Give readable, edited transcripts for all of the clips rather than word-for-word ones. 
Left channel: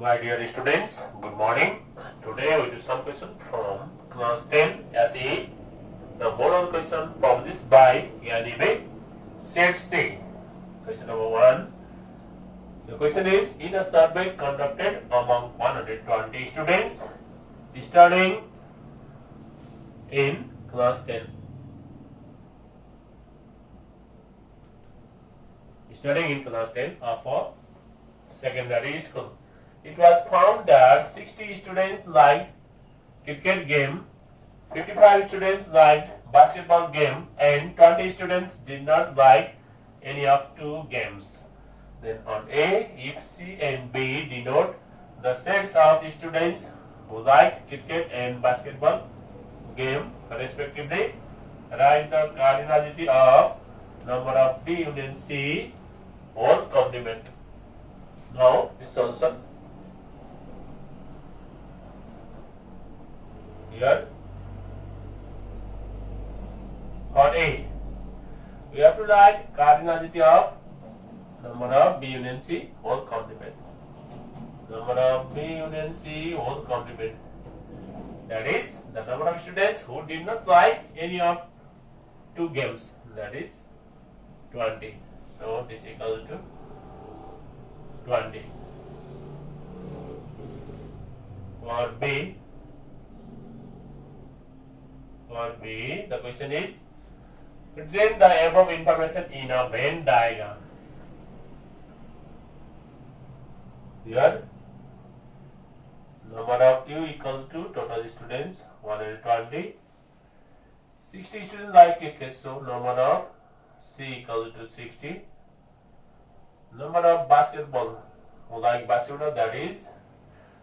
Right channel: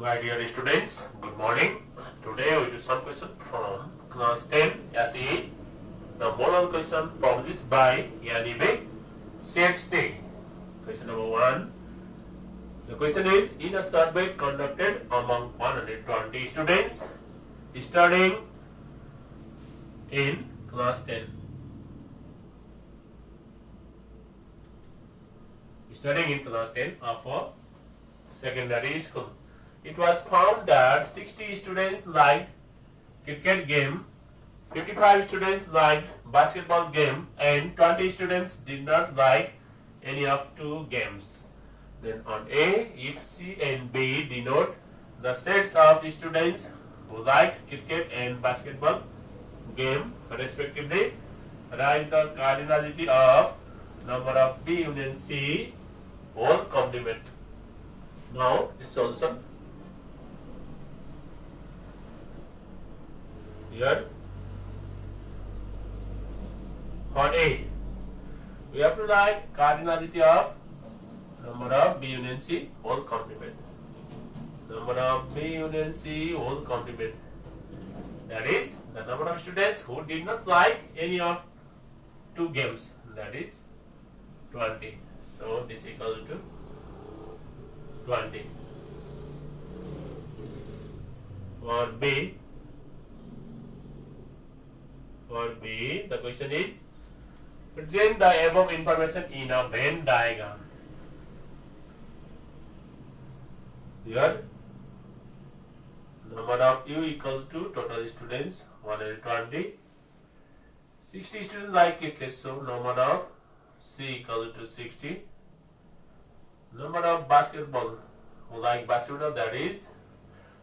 My dear students, good morning. Today we do some question from class 10 SE. The model question published by NEB set C. Question number 1. The question is, in a survey conducted among 120 students studying in class 10. Studying in class 10 of a secondary school. It was found that 60 students liked cricket game, 55 students liked basketball game, and 20 students did not like any of two games. Then on A, if C and B denote the sets of students who like cricket and basketball game respectively, write the cardinality of number of B union C whole complement. Now this solution. Here for A, we have to write cardinality of number of B union C whole complement. Number of B union C whole complement. That is the number of students who did not like any of two games. That is 20. So this equals to 20. For B, the question is, present the above information in a Venn diagram. Here, number of U equals to total students 120. 60 students like cricket, so number of C equals to 60. Number of basketball who like basketball, that is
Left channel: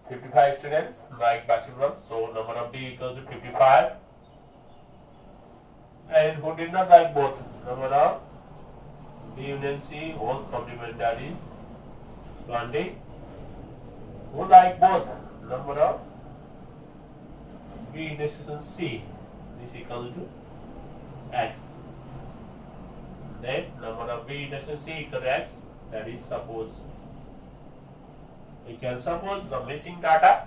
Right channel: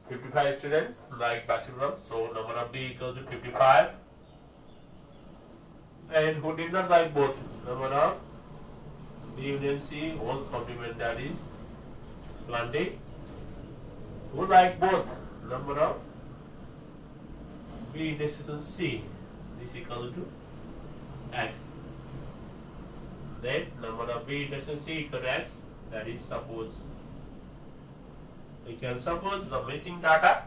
55 students like basketball, so number of B equals to 55. And who did not like both, number of B union C whole complement, that is 20. Who like both, number of B intersection C, this equal to X. Then number of B intersection C equal to X, that is suppose. We can suppose the missing data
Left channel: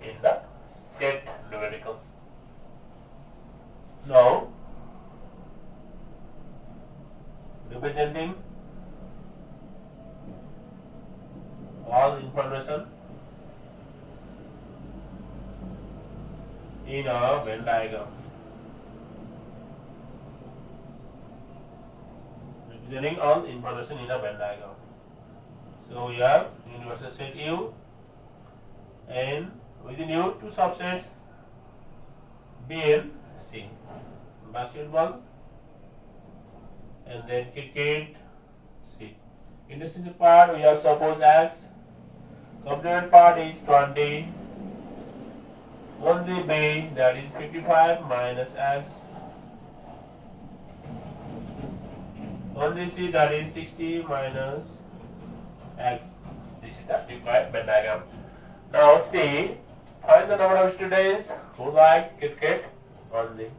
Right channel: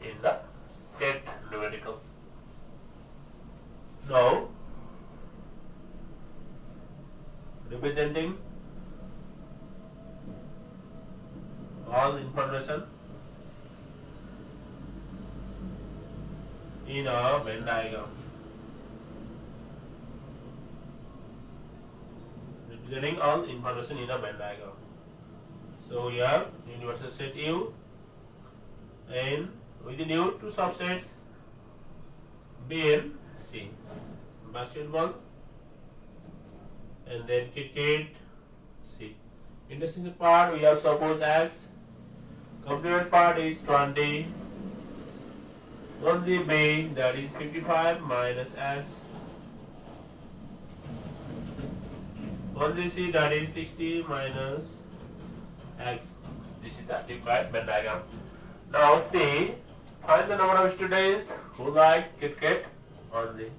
in the set numerical. Now representing all information in a Venn diagram. Representing all information in a Venn diagram. So we have universal set U, and within U two subsets B and C. Basketball and then cricket C. Intersection part we have suppose X. Complement part is 20. Only B, that is 55 minus X. Only C, that is 60 minus X. This is the required Venn diagram. Now C, find the number of students who like cricket only.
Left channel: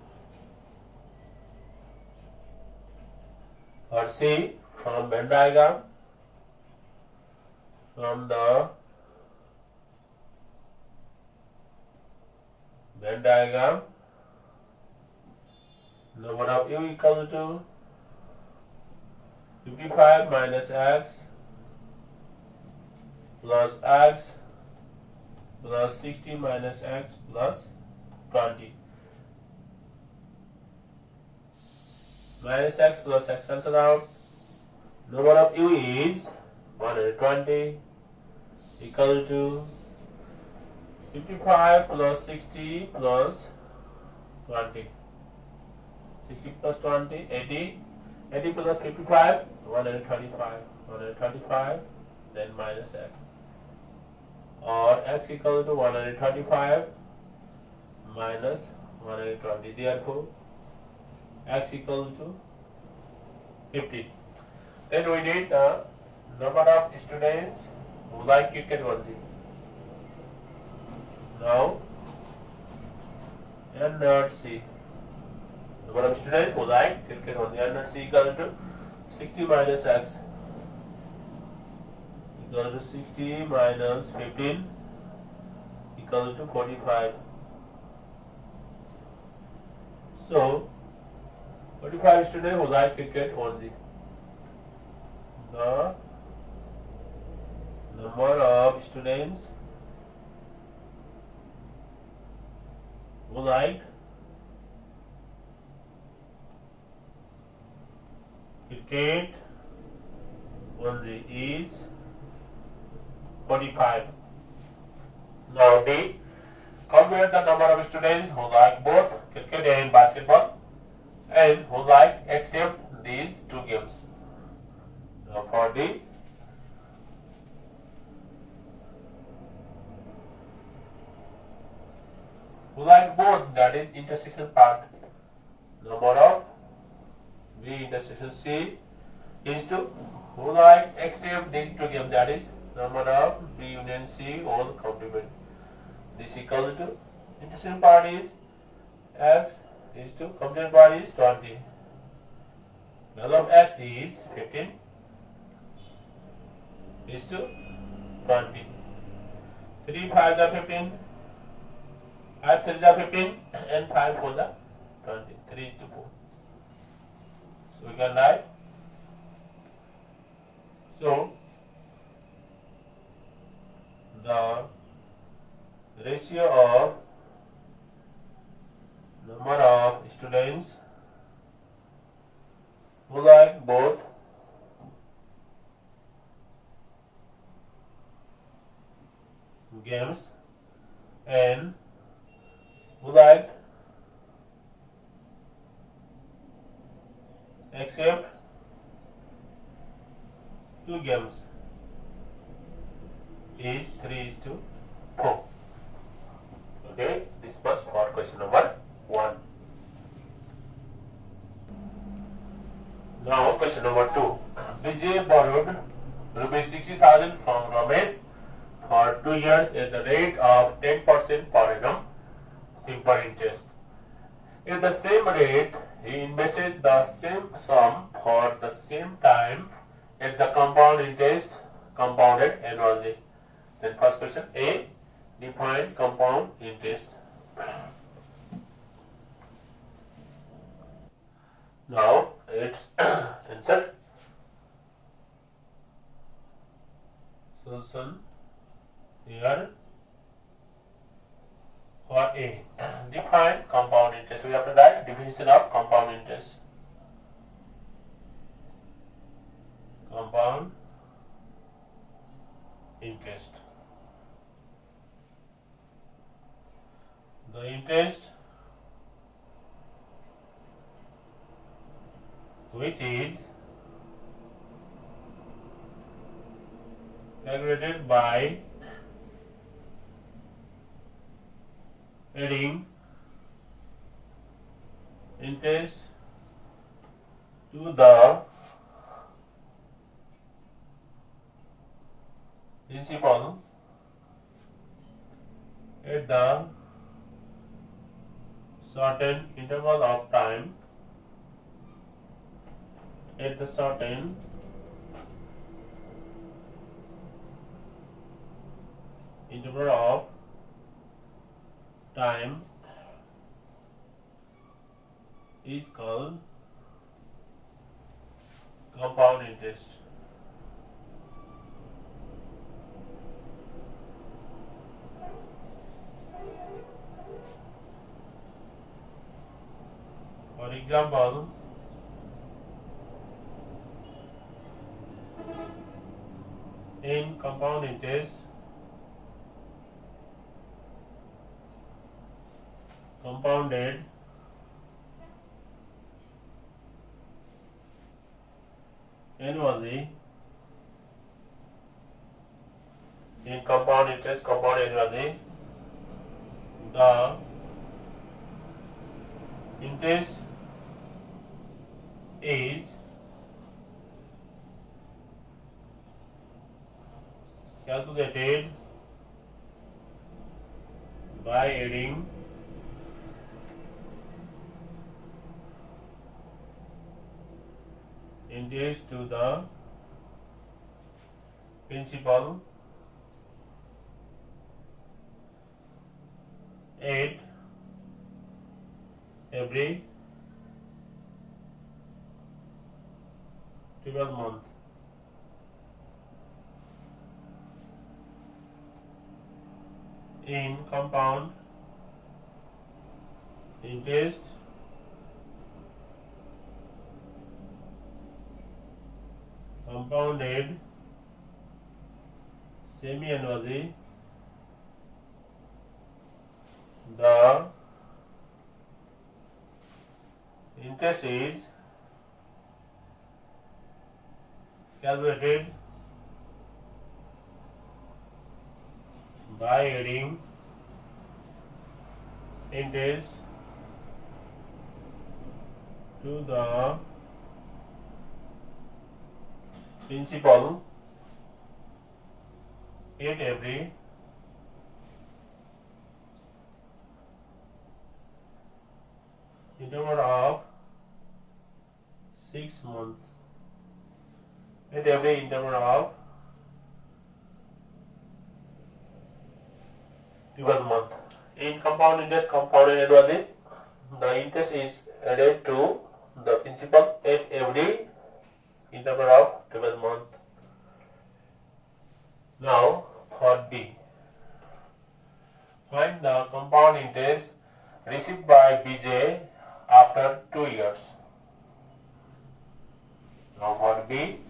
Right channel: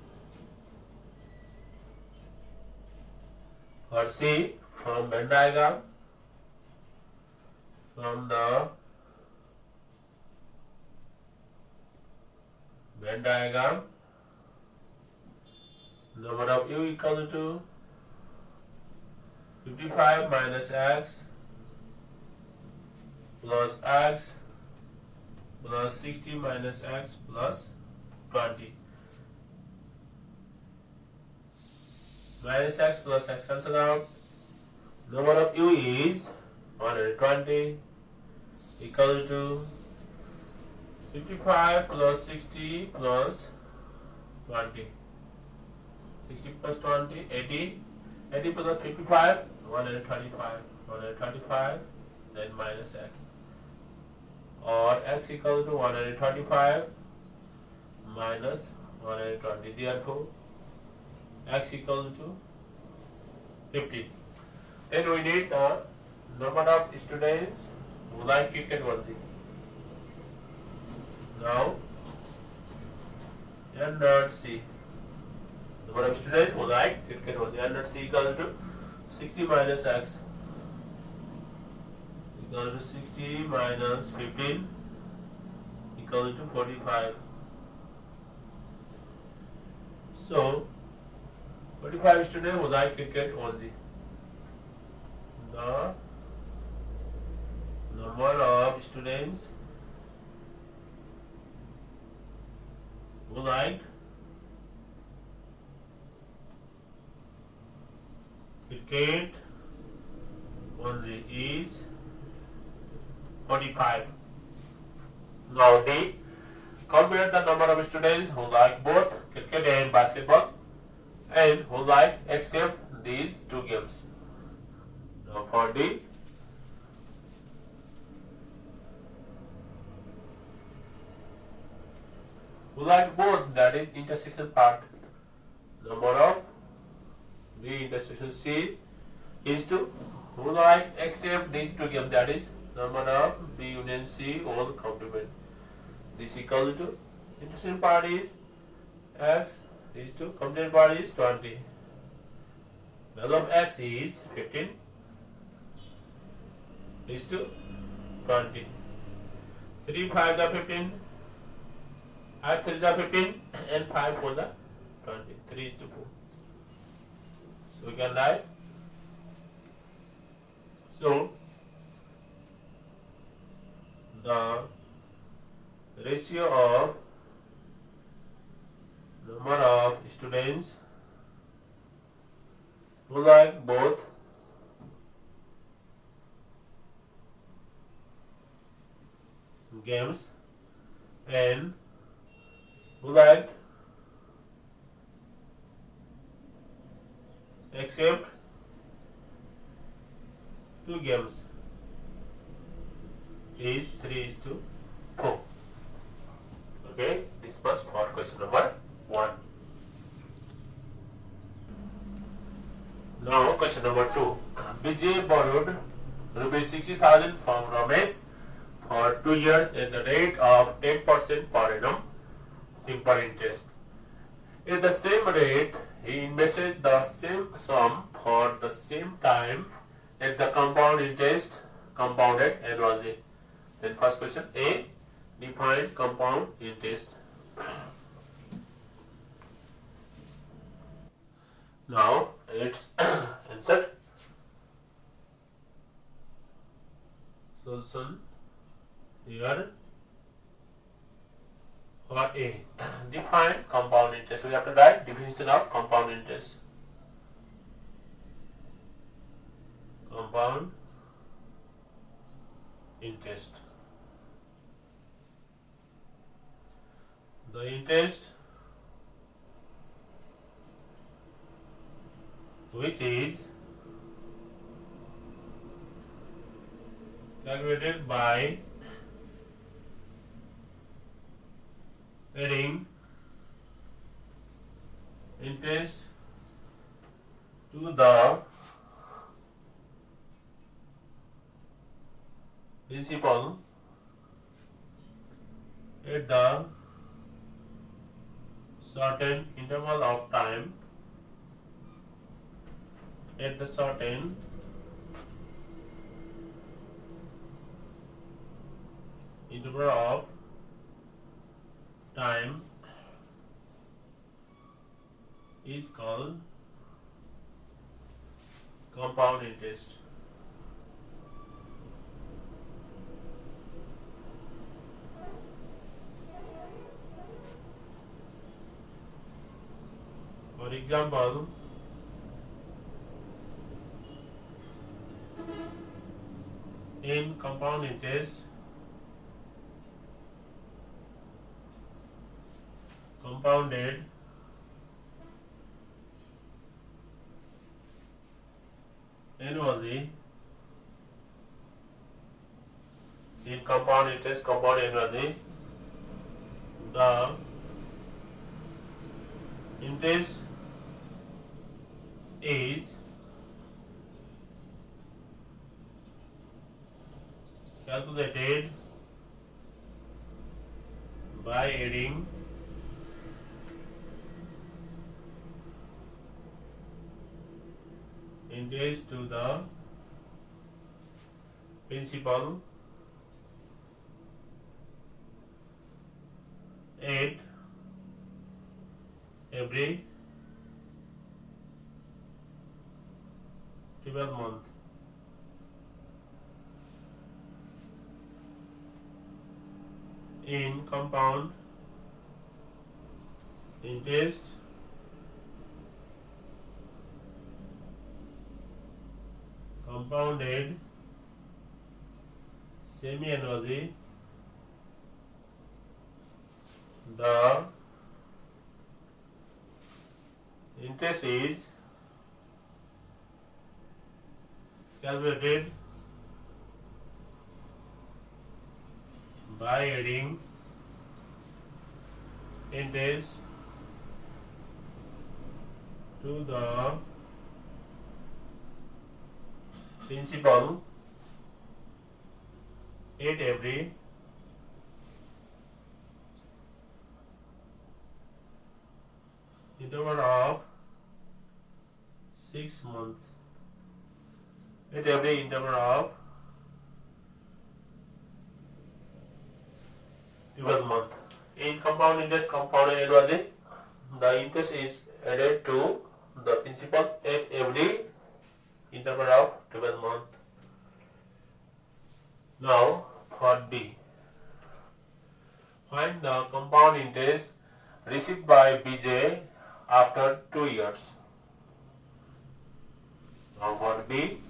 For C, from Venn diagram, from the Venn diagram, number of U equal to 55 minus X plus X plus 60 minus X plus 20. Minus X plus X cancel out. Number of U is 120 equal to 55 plus 60 plus 20. 60 plus 20, 80. 80 plus 55, 125. 125, then minus X. Or X equal to 125 minus 120. Therefore, X equal to 50. Then we need the number of students who like cricket only. Now, N not C. Number of students who like cricket only. N not C equal to 60 minus X equal to 60 minus 15 equal to 45. So 45 students who like cricket only. The number of students who like cricket only is 45. Now D. Compare the number of students who like both cricket and basketball and who like except these two games. Now for D. Who like both, that is intersection part. Number of B intersection C is to who like except these two games, that is number of B union C all complement. This equal to intersection part is X is to complement part is 20. Value of X is 15 is to 20. 3 5 the 15, 5 3 the 15 and 5 4 the 20. 3 is to 4. So we can write. So the ratio of number of students who like both games and who like except two games is 3:4. Okay, this was for question number 1. Now question number 2. Vijay borrowed rupees 60,000 from Ramesh for 2 years at the rate of 10% per annum simple interest. At the same rate, he invested the same sum for the same time at the compound interest compounded annually. Then first question A, define compound interest. Now it's answer. Solution here for A. Define compound interest. We have to write definition of compound interest. Compound interest. The interest which is calculated by adding interest to the principal at the certain interval of time at the certain interval of time is called compound interest. For example, in compound interest, compounded annually, in compound interest compounded annually, the interest is calculated by adding interest to the principal 8 every 12 months. In compound interest compounded semi-annually, the interest is calculated by adding interest to the principal at every interval of 6 months. At every interval of 12 months. In compound interest compounded annually, the interest is added to the principal at every interval of 12 months. Now, part B. Find the compound interest received by BJ after 2 years. Now, part B.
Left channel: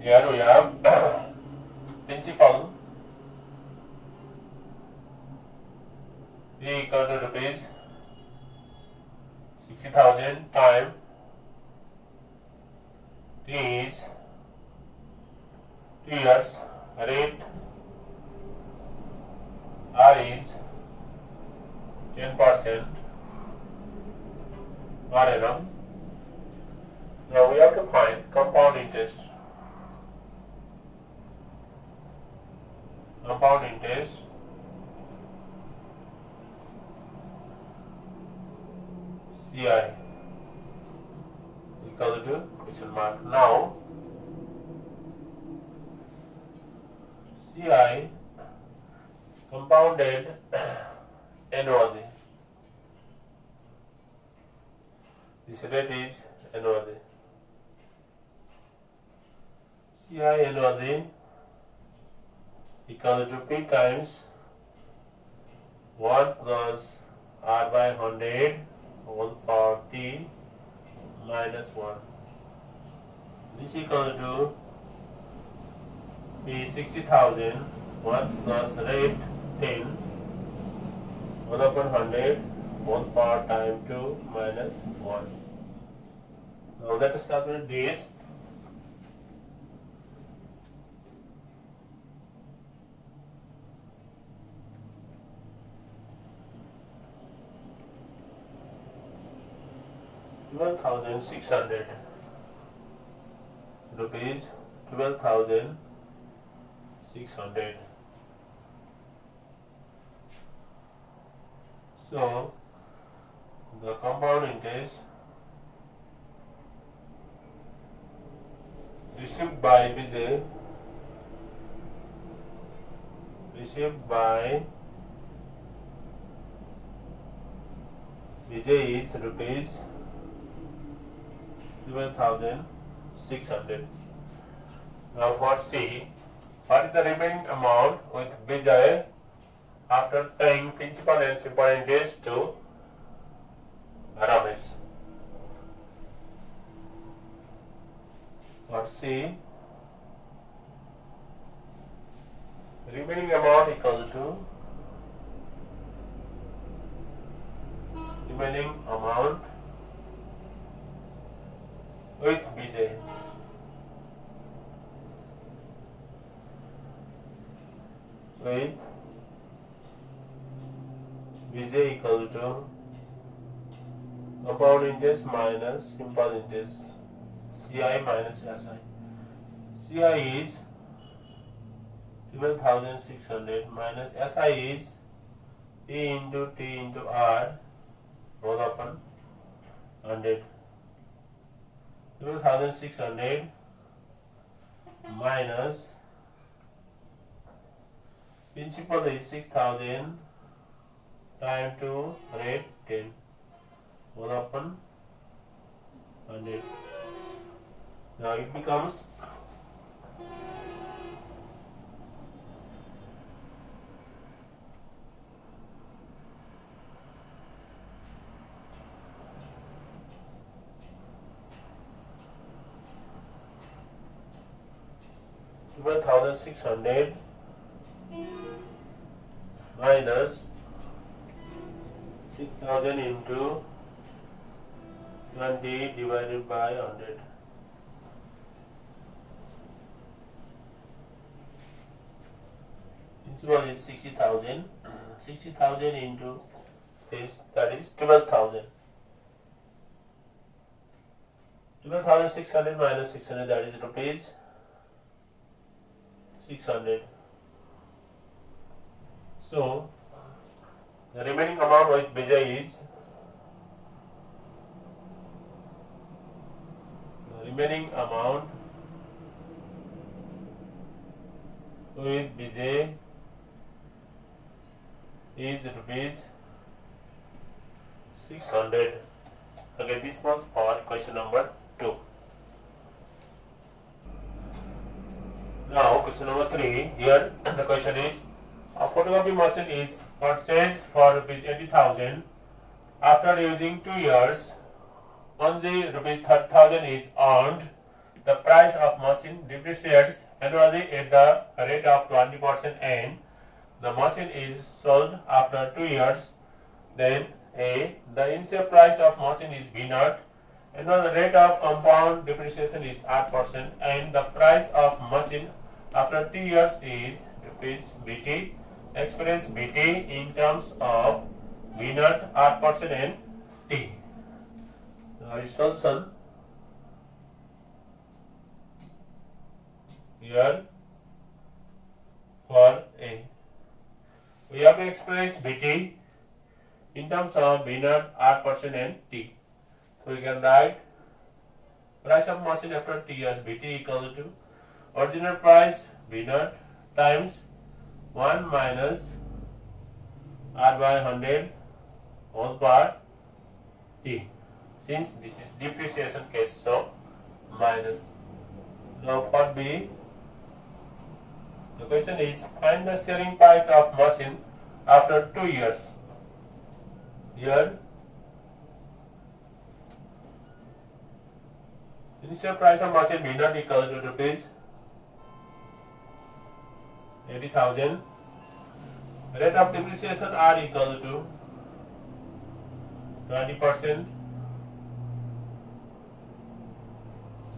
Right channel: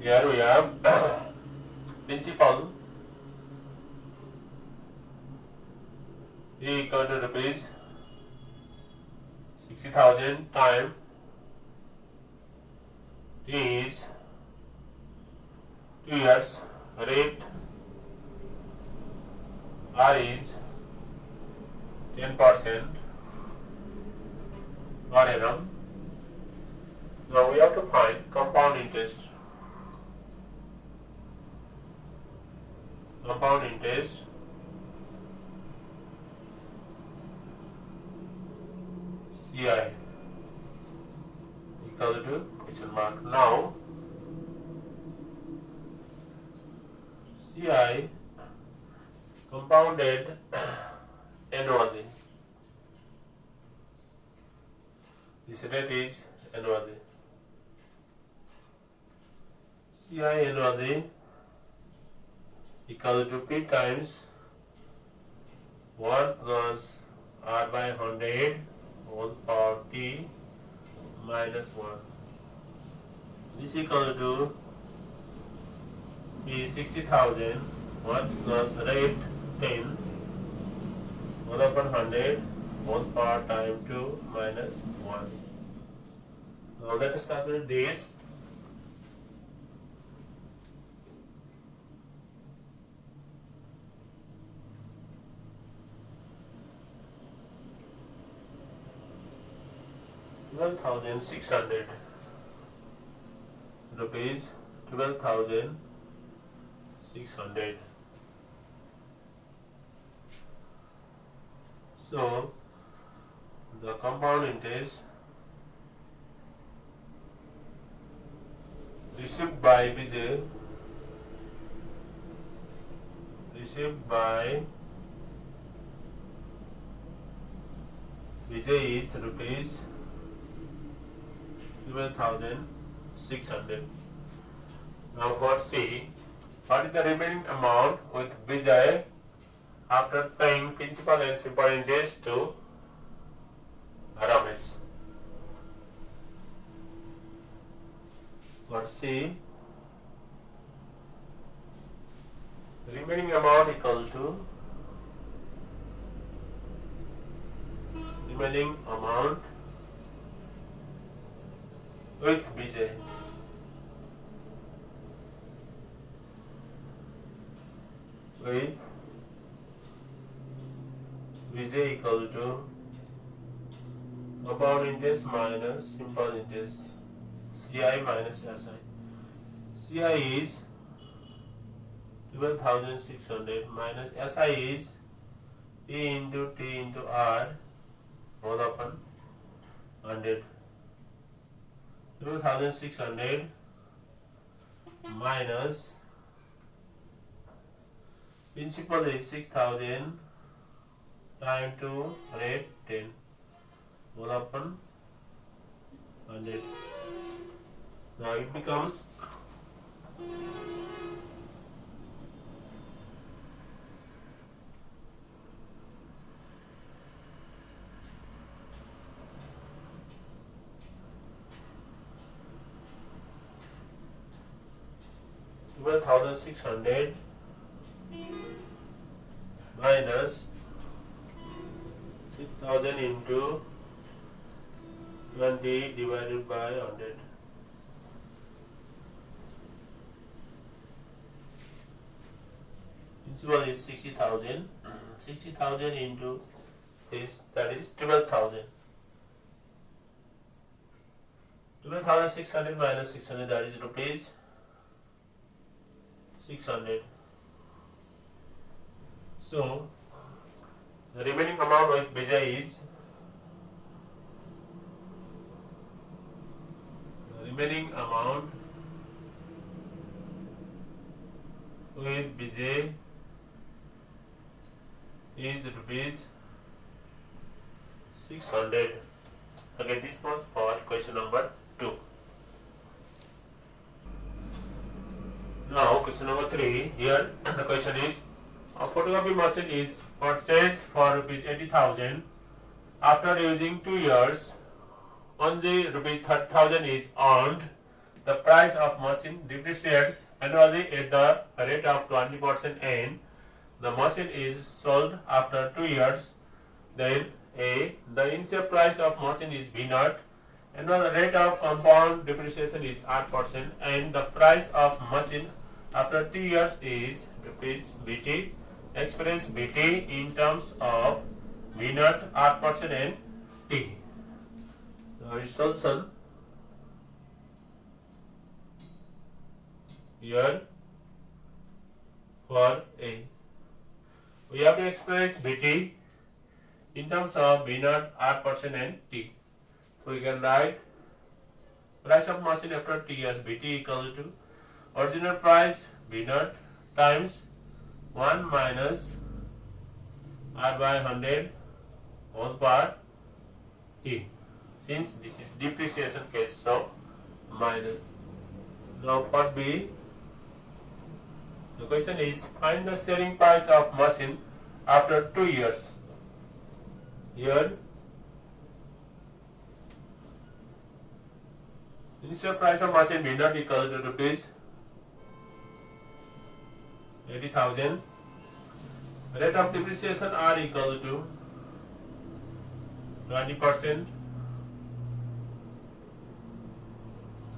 Here we have principal E equal to rupees 60,000 time T is 2 years, rate R is 10% per annum. Now we have to find compound interest. Compound interest CI equal to question mark. Now CI compounded annually. This rate is annually. CI annually equal to P times 1 plus R by 100 whole power T minus 1. This equal to P 60,000 1 plus rate 10 1 upon 100 whole power time 2 minus 1. Now let us calculate this. $12,600 rupees, 12,600. So the compound interest received by BJ is rupees 12,600. Now what C? What is the remaining amount with BJ after paying principal and simple interest to Ramesh? What C? Remaining amount equal to remaining amount with BJ. With BJ equal to compound interest minus simple interest, CI minus SI. CI is 12,600 minus SI is P into T into R whole upon 100. 12,600 minus principal is 6,000 time 2 rate 10 1 upon 100. Now it becomes 12,600 minus 6,000 into 20 divided by 100. Principal is 60,000. 60,000 into this, that is 12,000. 12,600 minus 600, that is rupees 600. So the remaining amount with Vijay is remaining amount with Vijay is rupees 600. Okay, this was for question number 2. Now question number 3. Here the question is, a photocopy machine is purchased for rupees 80,000. After using 2 years, only rupees 30,000 is earned. The price of machine depreciates annually at the rate of 20% and the machine is sold after 2 years. Then A. The initial price of machine is B0 and the rate of compound depreciation is 8% and the price of machine after 2 years is rupees BT. Express BT in terms of B0, 8% and T. The solution here for A. We have to express BT in terms of B0, 8% and T. So we can write price of machine after 2 years BT equal to original price B0 times 1 minus R by 100 whole part T. Since this is depreciation case, so minus. Now part B, the question is find the selling price of machine after 2 years. Here initial price of machine B0 equal to rupees 80,000. Rate of depreciation R equal to 20%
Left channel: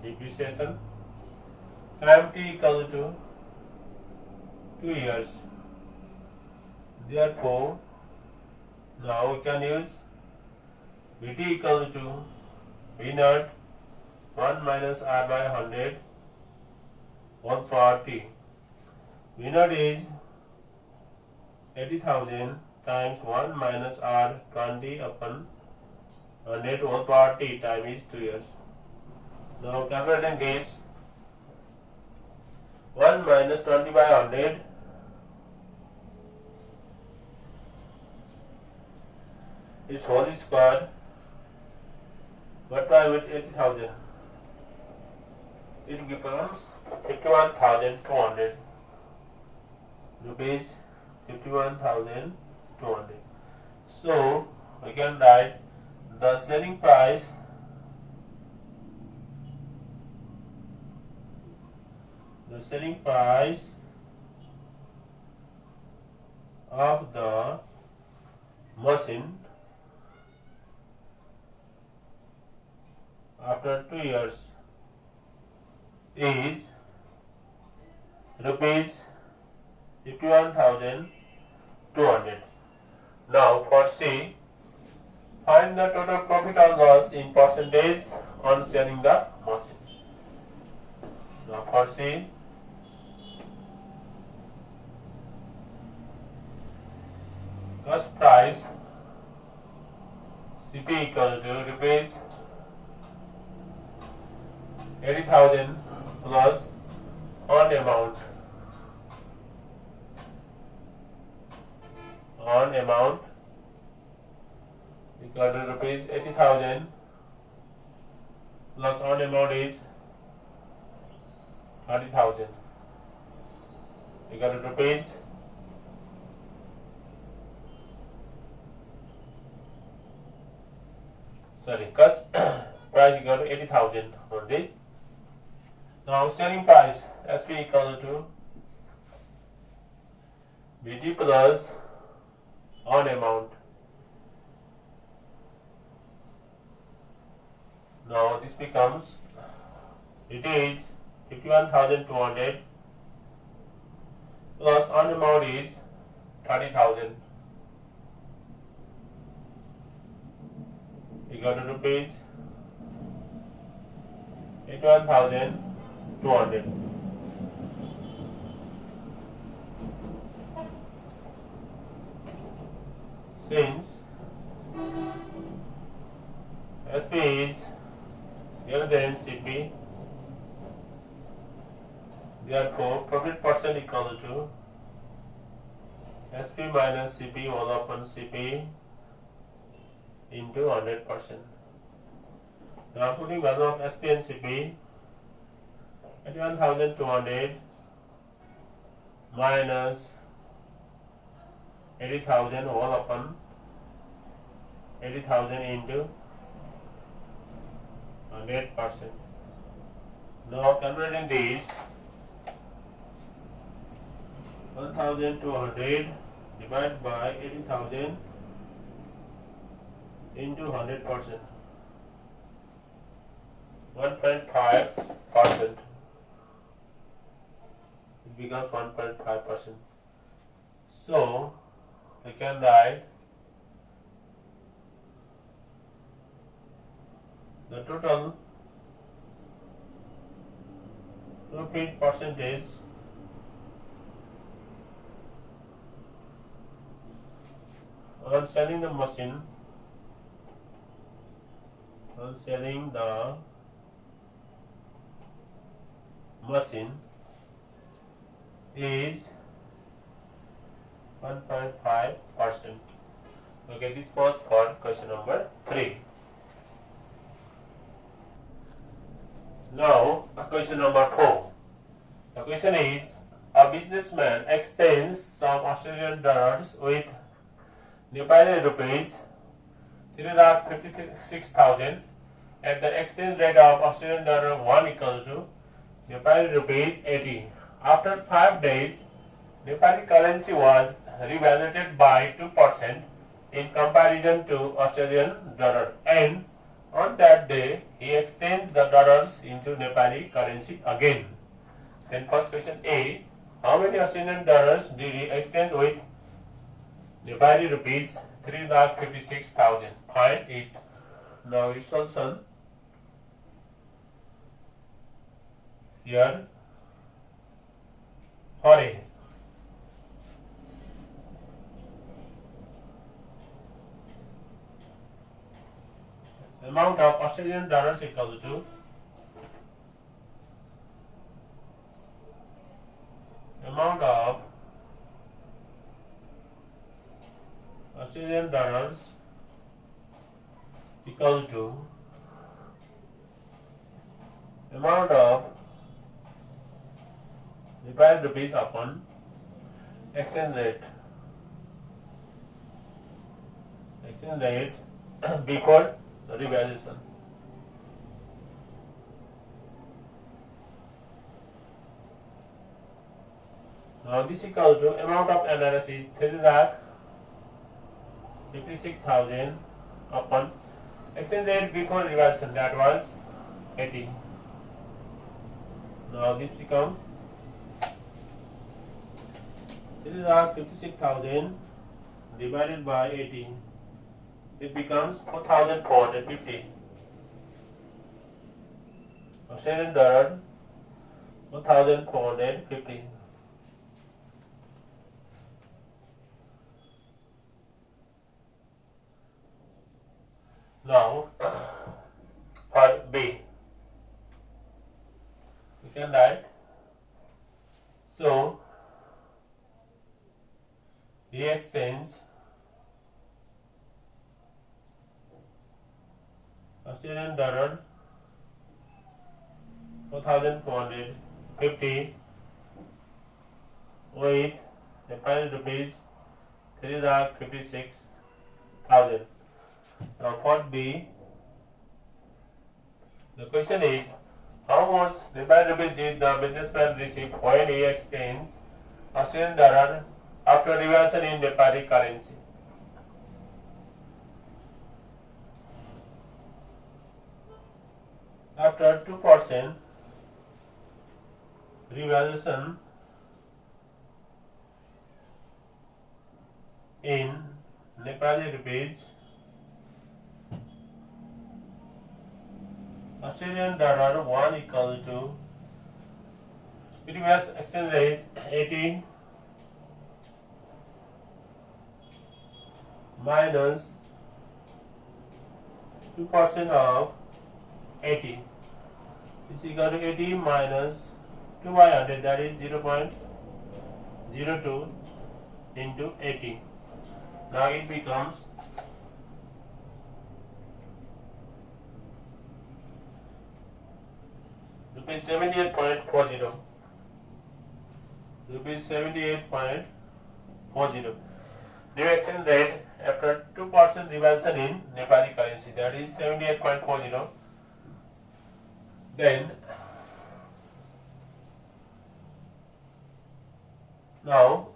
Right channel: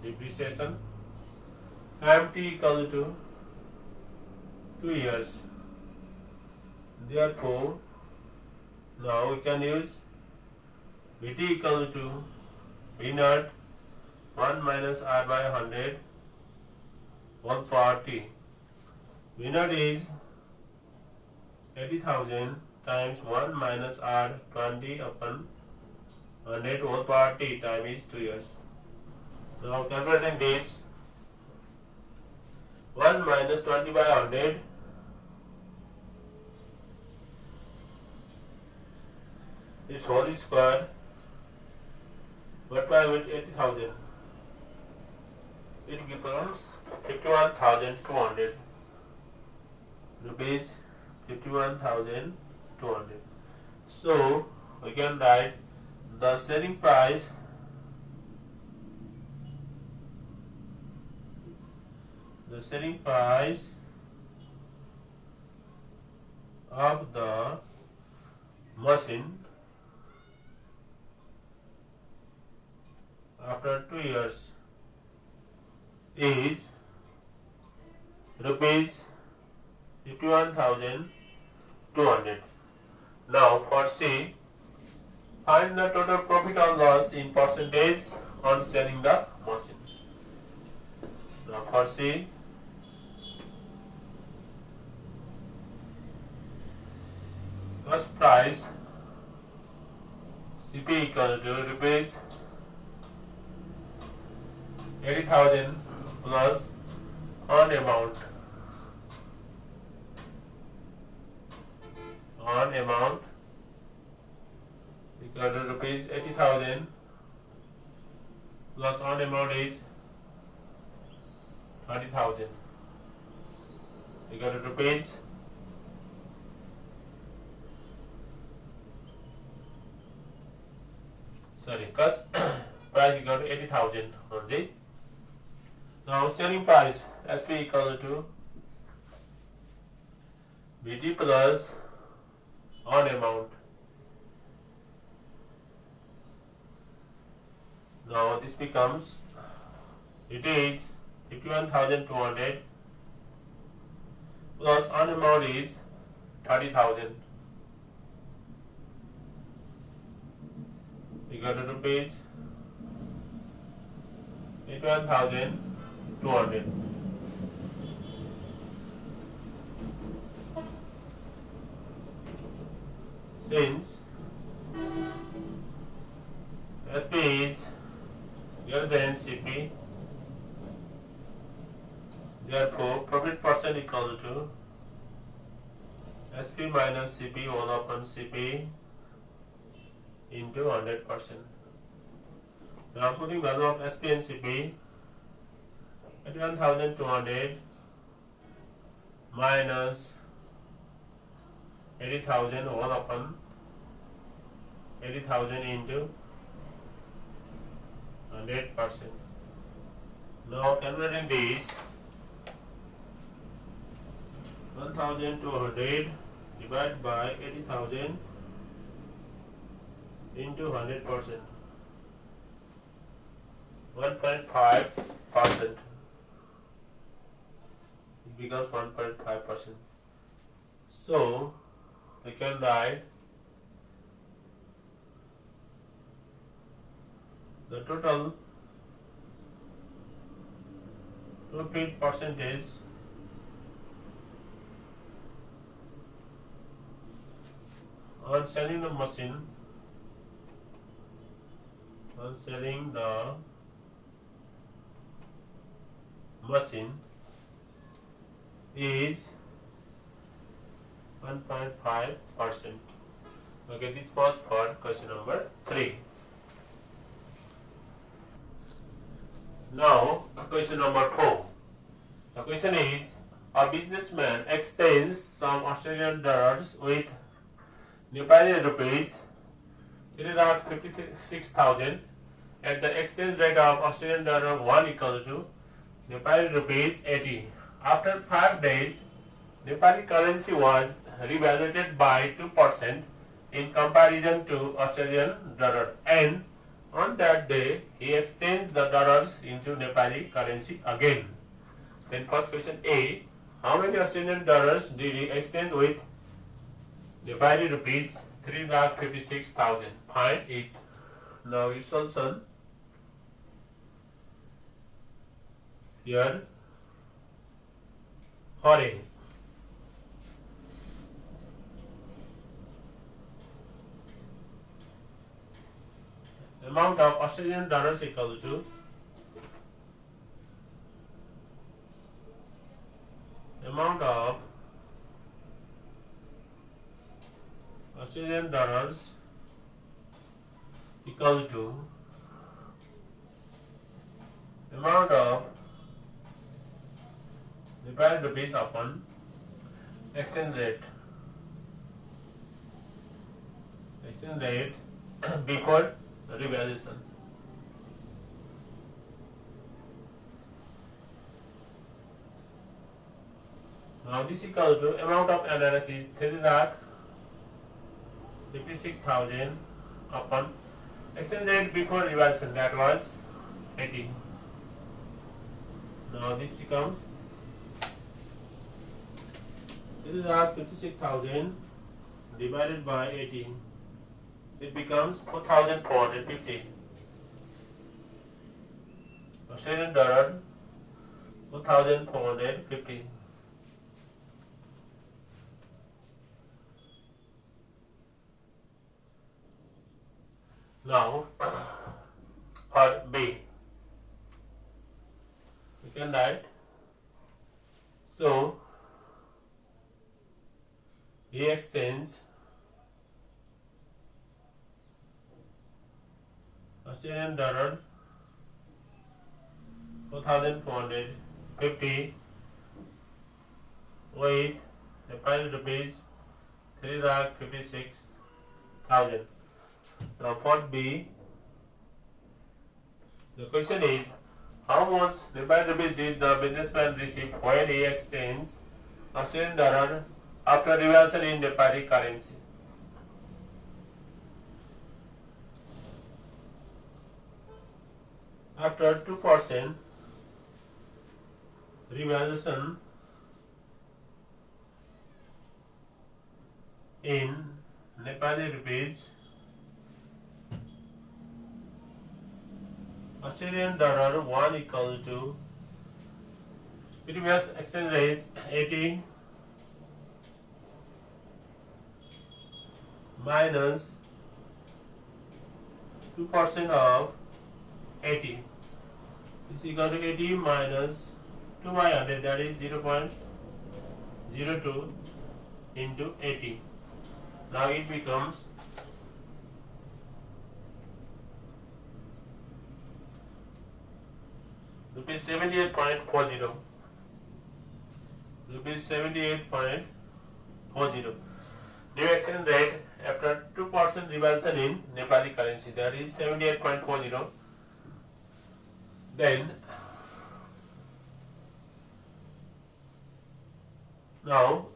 depreciation. Time T equal to 2 years. Therefore, now we can use BT equal to B0 1 minus R by 100 1 power T. B0 is 80,000 times 1 minus R 20 upon 100 1 power T time is 2 years. Now calculating this, 1 minus 20 by 100 is whole square multiplied with 80,000. It becomes 51,200 rupees. 51,200. So we can write the selling price of the machine after 2 years is rupees 51,200. Now for C, find the total profit or loss in percentage on selling the machine. Now for C, cost price CP equal to rupees 80,000 plus on amount equal to rupees 80,000 plus on amount is 30,000 equal to rupees cost price equal to 80,000 only. Now selling price SP equal to BG plus on amount. Now this becomes, it is 51,200 plus on amount is 30,000 equal to rupees 81,200. Since SP is greater than CP, therefore profit percent equal to SP minus CP all upon CP into 100%. Now putting value of SP and CP at 1,200 minus 80,000 all upon 80,000 into 100%. Now calculating this, 1,200 divided by 80,000 into 100%, 1.5%. It becomes 1.5%. So we can write the total profit percentage on selling the machine, is 1.5%. Okay, this was for question number 3. Now, question number 4. The question is, a businessman exchanges some Australian dollars with Nepali rupees 3,56,000 at the exchange rate of Australian dollar 1 equal to Nepali rupees 80. After 5 days, Nepali currency was revalued by 2% in comparison to Australian dollar, and on that day he exchanged the dollars into Nepali currency again. Then first question A, how many Australian dollars did he exchange with Nepali rupees 3,56,000? Find it. Now its solution here for A. Amount of Australian dollars equal to amount of Australian dollars equal to amount of Nepali rupees upon exchange rate before the revaluation. Now this equal to amount of analysis 3,56,000 upon exchange rate before revaluation, that was 80. Now this becomes 3,56,000 divided by 80. It becomes 4,450 Australian dollar, 4,450. Now for B, Australian dollar 4,450 with Nepali rupees 3,56,000. Now part B. The question is, how much Nepali rupees did the businessman receive when he exchanged Australian dollar after revaluation in Nepali currency? After 2% revaluation in Nepali rupees, Australian dollar 1 equal to previous exchange rate 80 minus 2% of 80 is equal to 80 minus 2 by 100, that is 0.02 into 80. Now it becomes rupees 78.40. Rupees 78.40. New exchange rate after 2% revaluation in Nepali currency, that is 78.40. Then now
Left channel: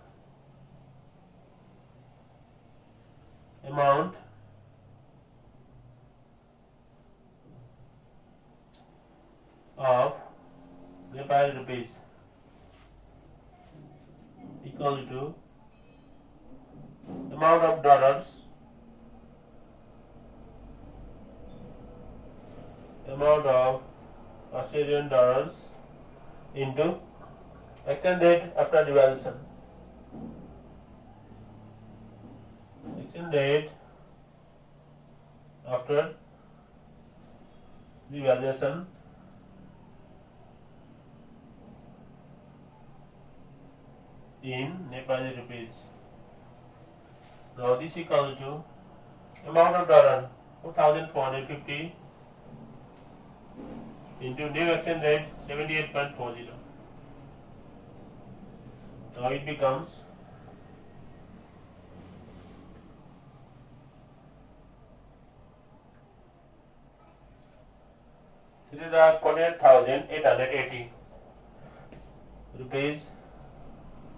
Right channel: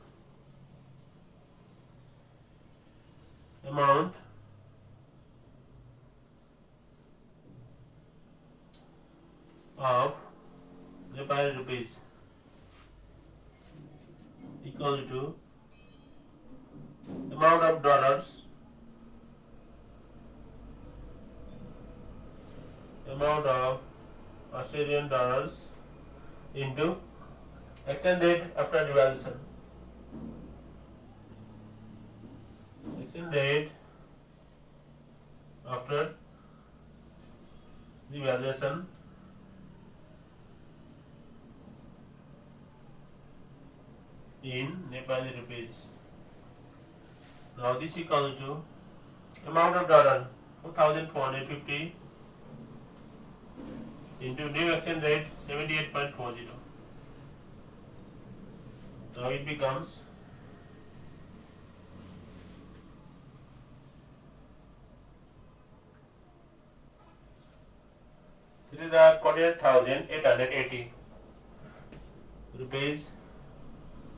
amount of Nepali rupees equal to amount of dollars, amount of Australian dollars into exchange rate after devaluation. Exchange rate after devaluation in Nepali rupees. Now this equal to amount of dollar 4,450 into new exchange rate 78.40. Now it becomes $3,48,880 rupees.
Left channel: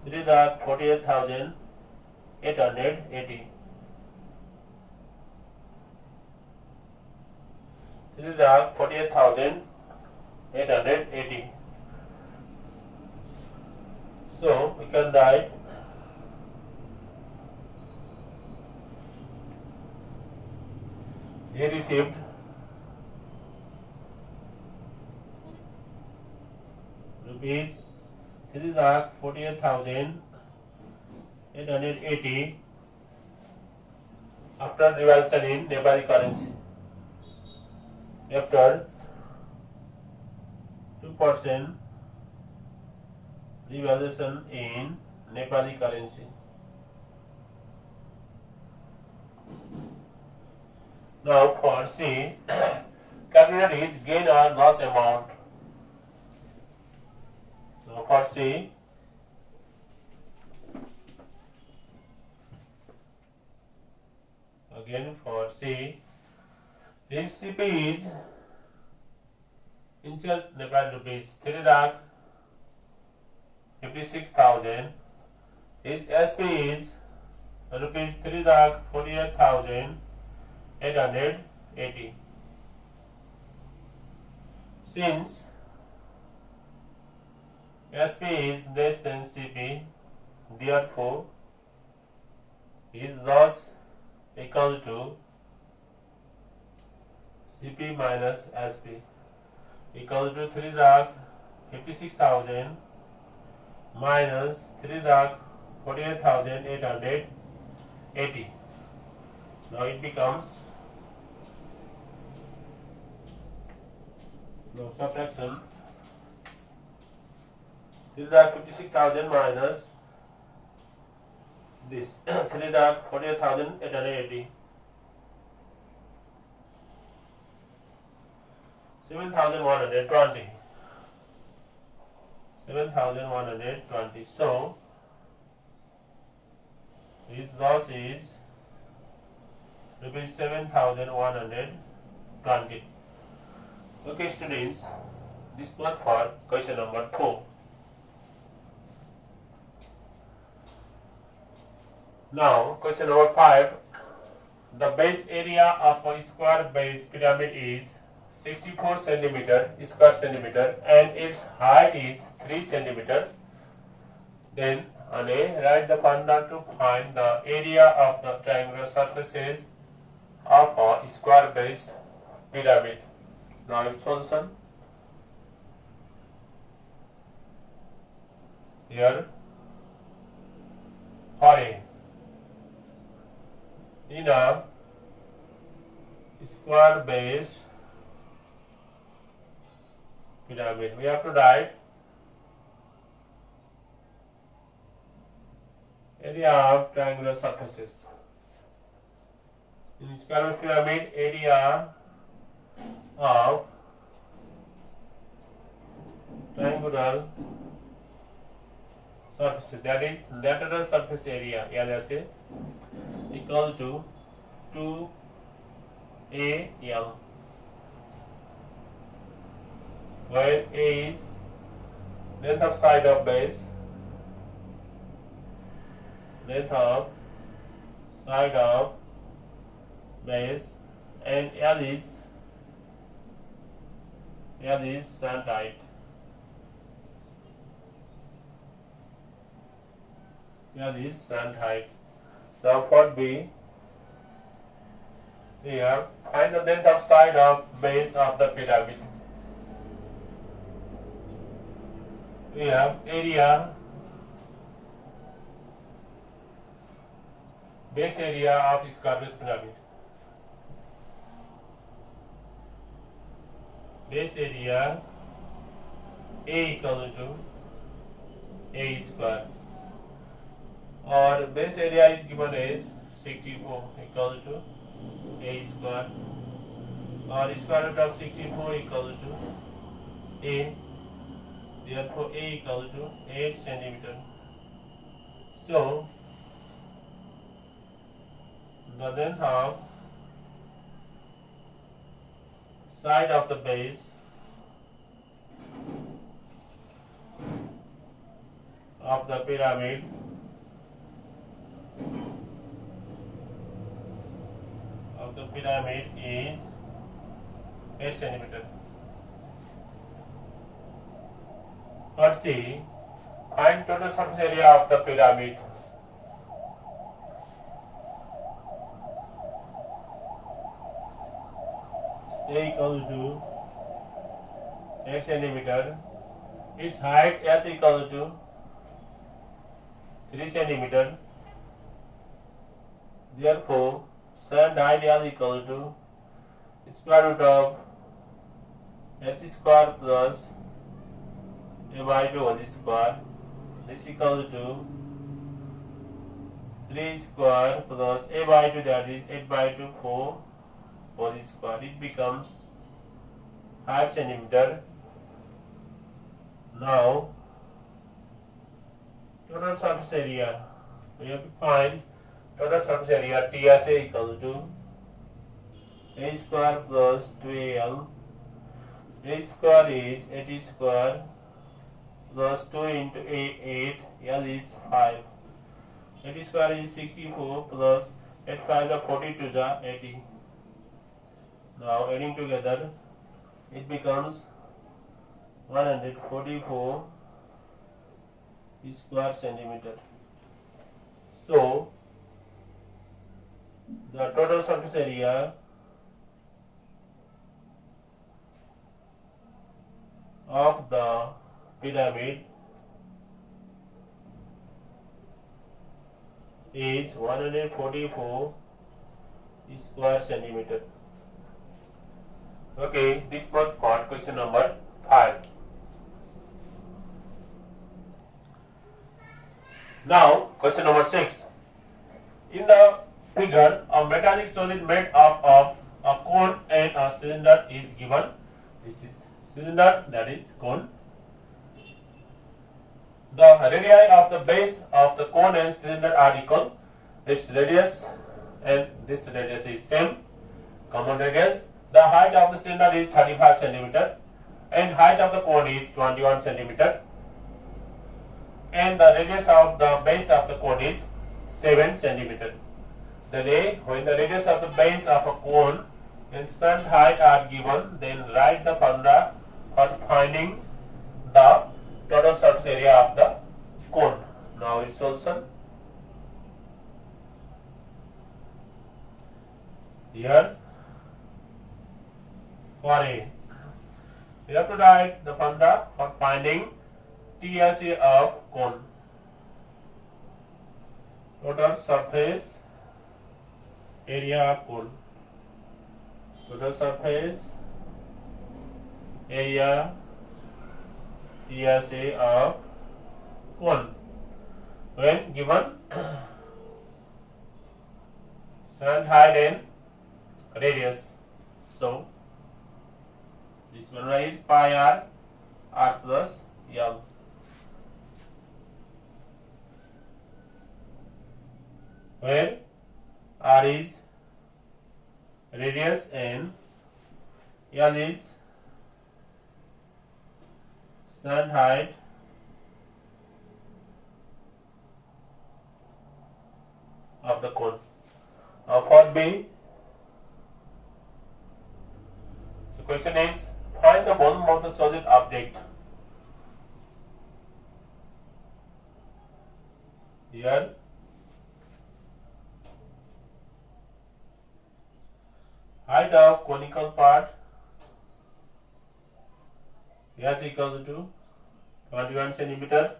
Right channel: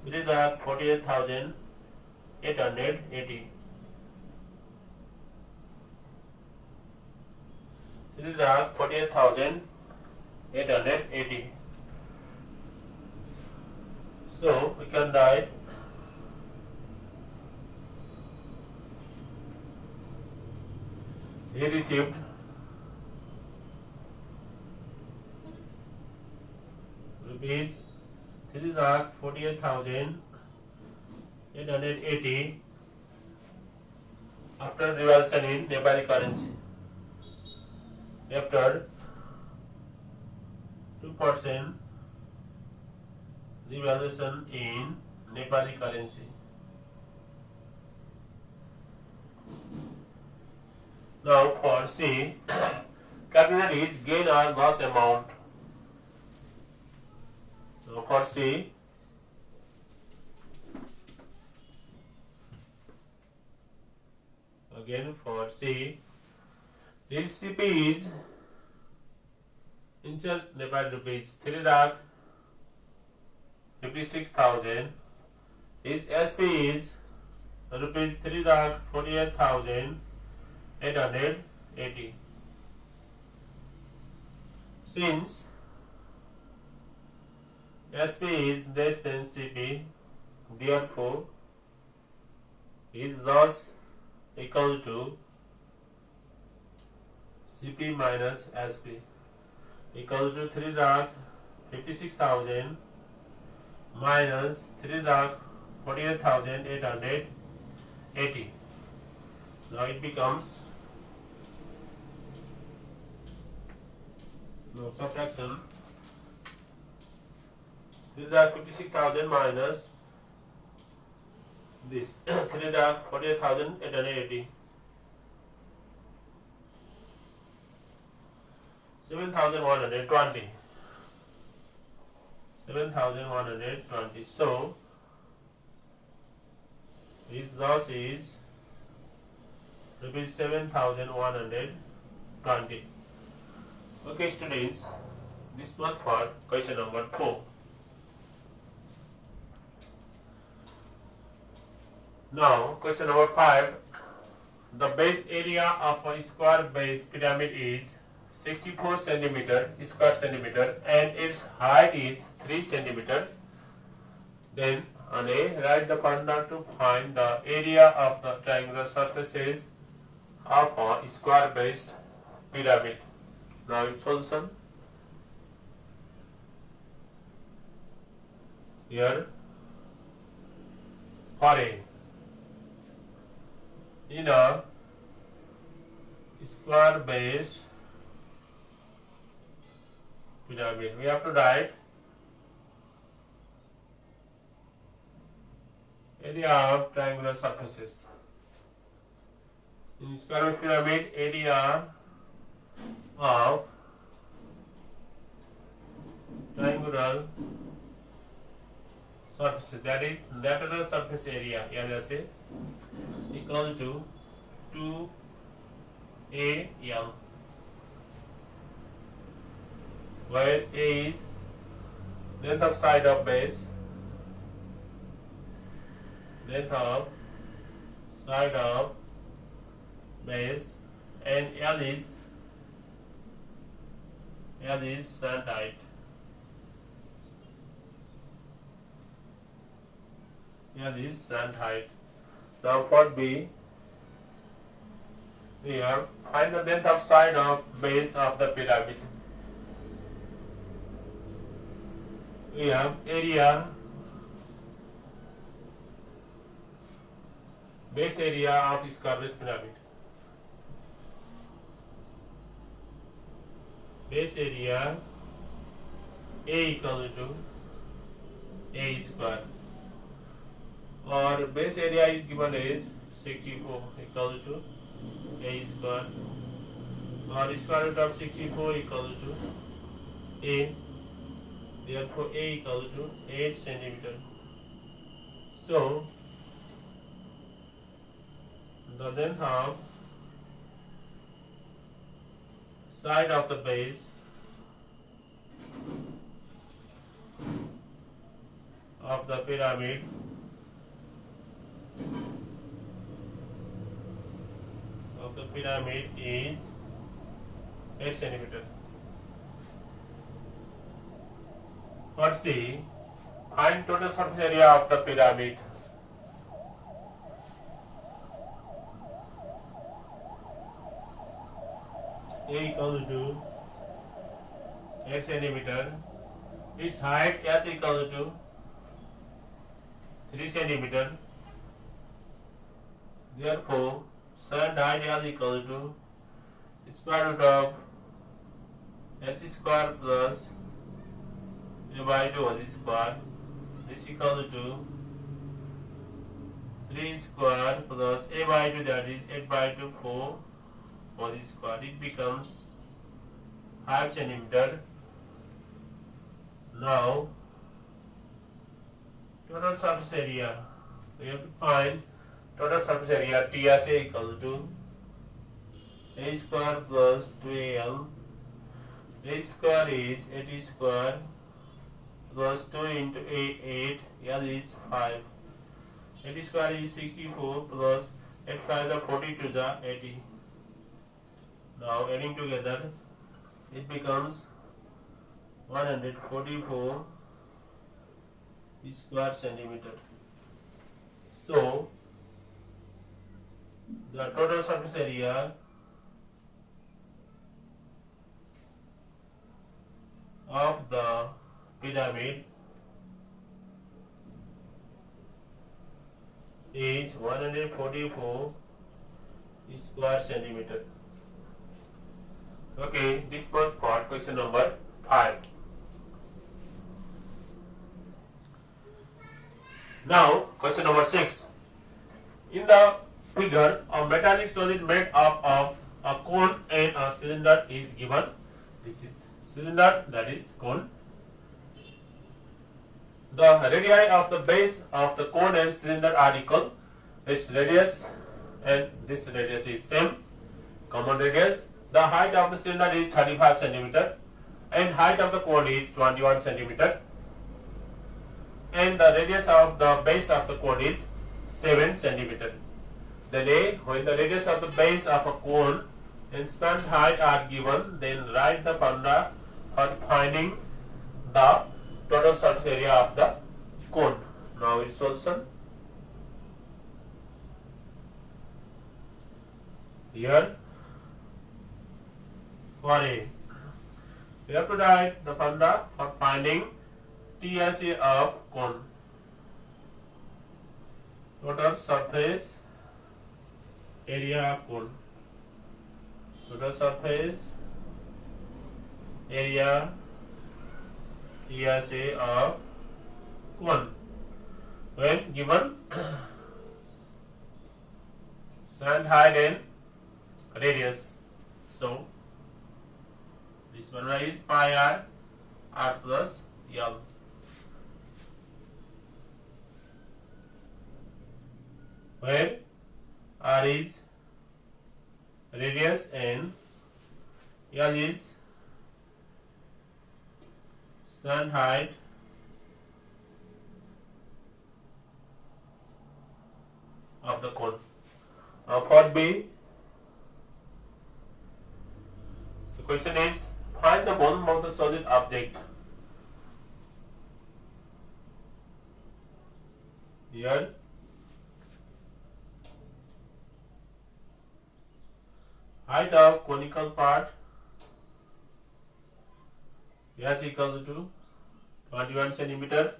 $3,48,880. $3,48,880. So we can write he received rupees 3,48,880 after revaluation in Nepali currency. After 2% revaluation in Nepali currency. Now for C, calculate its gain or loss amount. So for C, again for C, this CP is in Nepali rupees 3,56,000. His SP is rupees 3,48,880. Since SP is less than CP, therefore his loss equal to CP minus SP equal to 3,56,000 minus 3,48,880. Now it becomes subtraction 3,56,000 minus this 3,48,880. 7,120. 7,120. So his loss is rupees 7,120. Okay, students, this was for question number 4. Now, question number 5. The base area of a square base pyramid is 64 square centimeter and its height is 3 centimeter. Then on A, write the formula to find the area of the triangular surfaces of a square base pyramid. Now in solution, here for A, in a square base pyramid, we have to write area of triangular surfaces. In square pyramid, area of triangular surfaces, that is lateral surface area, LSA, equal to 2AL, where A is length of side of base, and L is slant height. Now for B, here find the length of side of base of the pyramid. We have area, base area of square base pyramid. Base area A equal to A square, or base area is given as 64 equal to A square, or square root of 64 equal to A. Therefore, A equal to 8 centimeter. So, the length of side of the base of the pyramid is 8 centimeter. Let's see, find total surface area of the pyramid. A equal to X centimeter, its height S equal to 3 centimeter. Therefore, slant height L equal to square root of H square plus A by 2 whole square. This equal to 3 square plus A by 2, that is 8 by 2, 4 whole square. It becomes 5 centimeter. Now, total surface area, we have to find total surface area TSA equal to A square plus 2AL. A square is 80 square plus 2 into A 8, L is 5. 80 square is 64 plus 8 5 the 42 the 80. Now adding together, it becomes 144 square centimeter. So, the total surface area of the pyramid is 144 square centimeter. Okay, this was for question number 5. Now, question number 6. In the figure, a metallic solid made up of a cone and a cylinder is given. This is cylinder, that is cone. The radii of the base of the cone and cylinder are equal. Its radius and this radius is same, common radius. The height of the cylinder is 35 centimeter and height of the cone is 21 centimeter. And the radius of the base of the cone is 7 centimeter. Then A, when the radius of the base of a cone and slant height are given, then write the formula for finding the total surface area of the cone. Now its solution. Here for A, we have to write the formula for finding TSA of cone. Total surface area of cone. Total surface area TSA of cone when given slant height and radius. So this one is pi r plus L. Where r is radius and L is slant height of the cone. For B, the question is find the volume of the solid object. Here height of conical part is equal to 21 centimeter.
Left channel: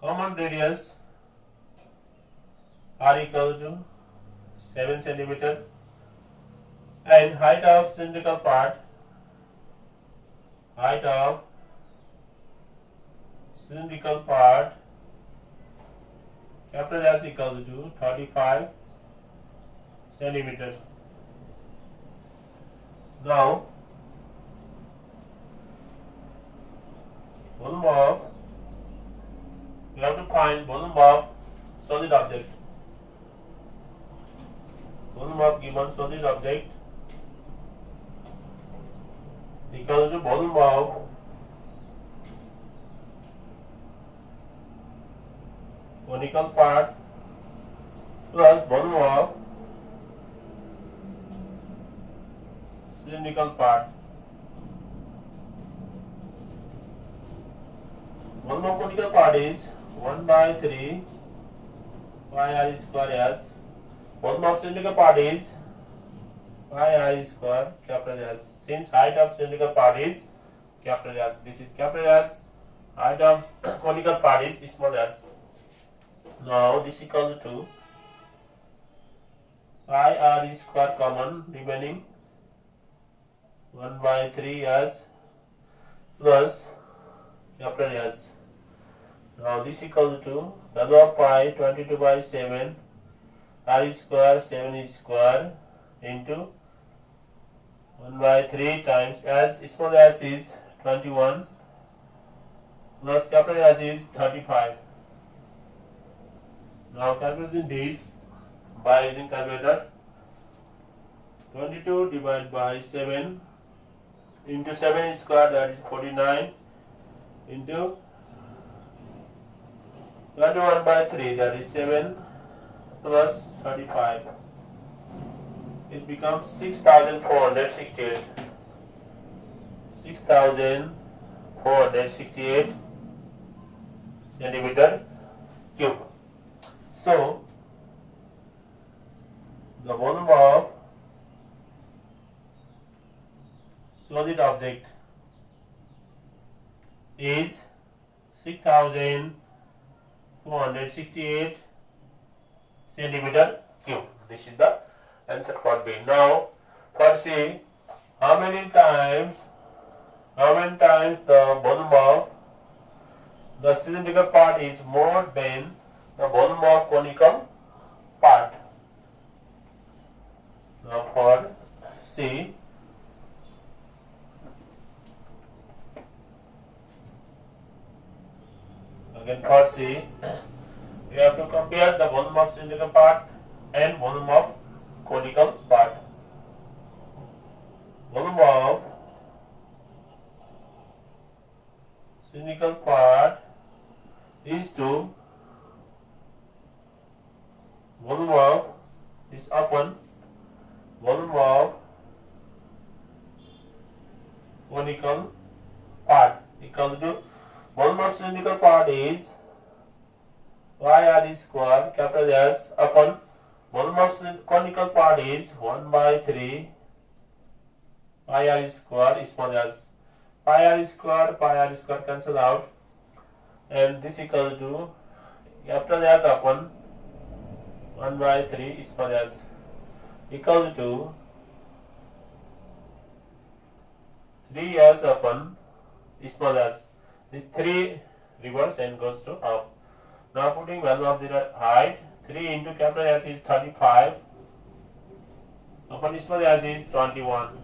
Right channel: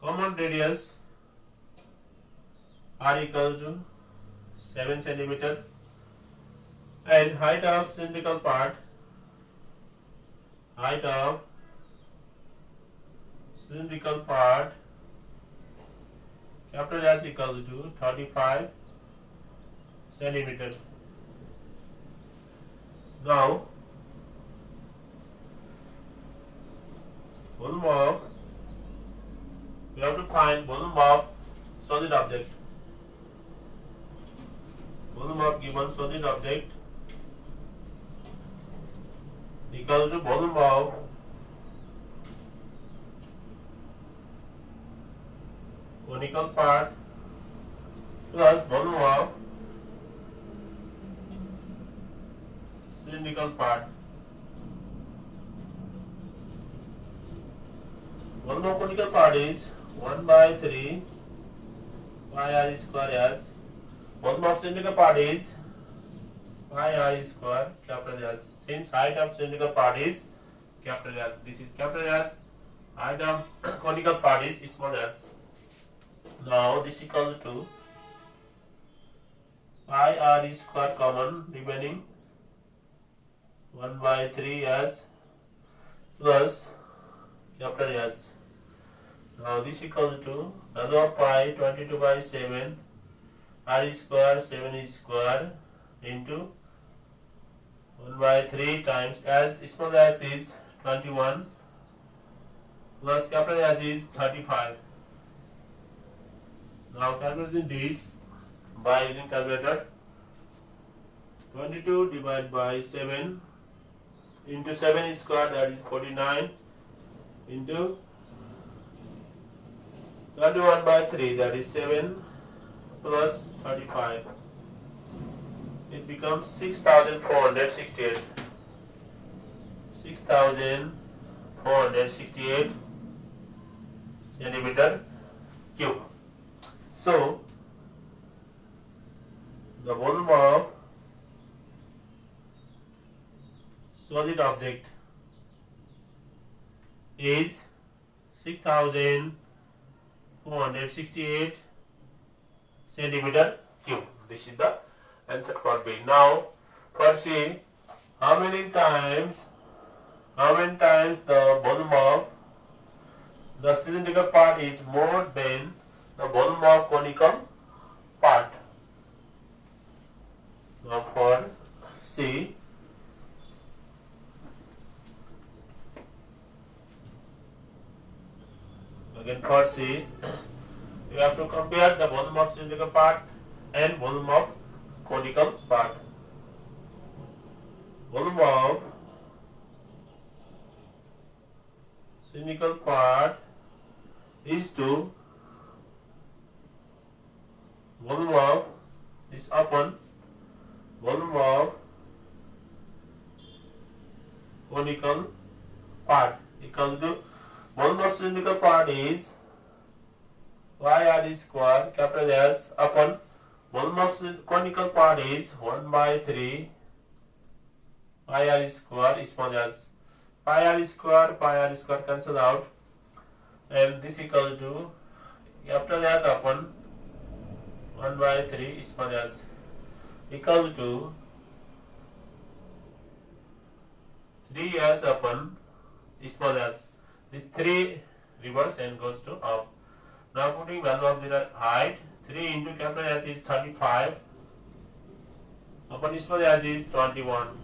Common radius r equal to 7 centimeter and height of cylindrical part capital S equal to 35 centimeter. Now volume of, we have to find volume of solid object. Volume of given solid object equal to volume of conical part plus volume of cylindrical part. Volume of conical part is 1 by 3 pi r square S. Volume of cylindrical part is pi r square capital S. Since height of cylindrical part is capital S, this is capital S. Height of conical part is small s. Now this equals to pi r square common remaining 1 by 3 s plus capital S. Now this equals to value of pi 22 by 7 r square 7 square into 1 by 3 times as small s is 21 plus capital S is 35. Now calculating this by using calculator. 22 divided by 7 into 7 square, that is 49, into 21 by 3, that is 7 plus 35. It becomes 6,468. 6,468 centimeter cube. So the volume of solid object is 6,468 centimeter cube. This is the answer for B. Now for C, how many times the volume of the cylindrical part is more than the volume of conical part. Now for C, for C, we have to compare the volume of cylindrical part and volume of conical part. Volume of cylindrical part is to volume of is upon volume of conical part equal to volume of cylindrical part is YR square capital S upon volume of conical part is 1 by 3 pi r square small s. Pi r square cancel out, and this equal to capital S upon 1 by 3 small s equal to 3s upon small s. This 3 reverse and goes to up. Now putting value of the height, 3 into capital S is 35 upon small s is 21.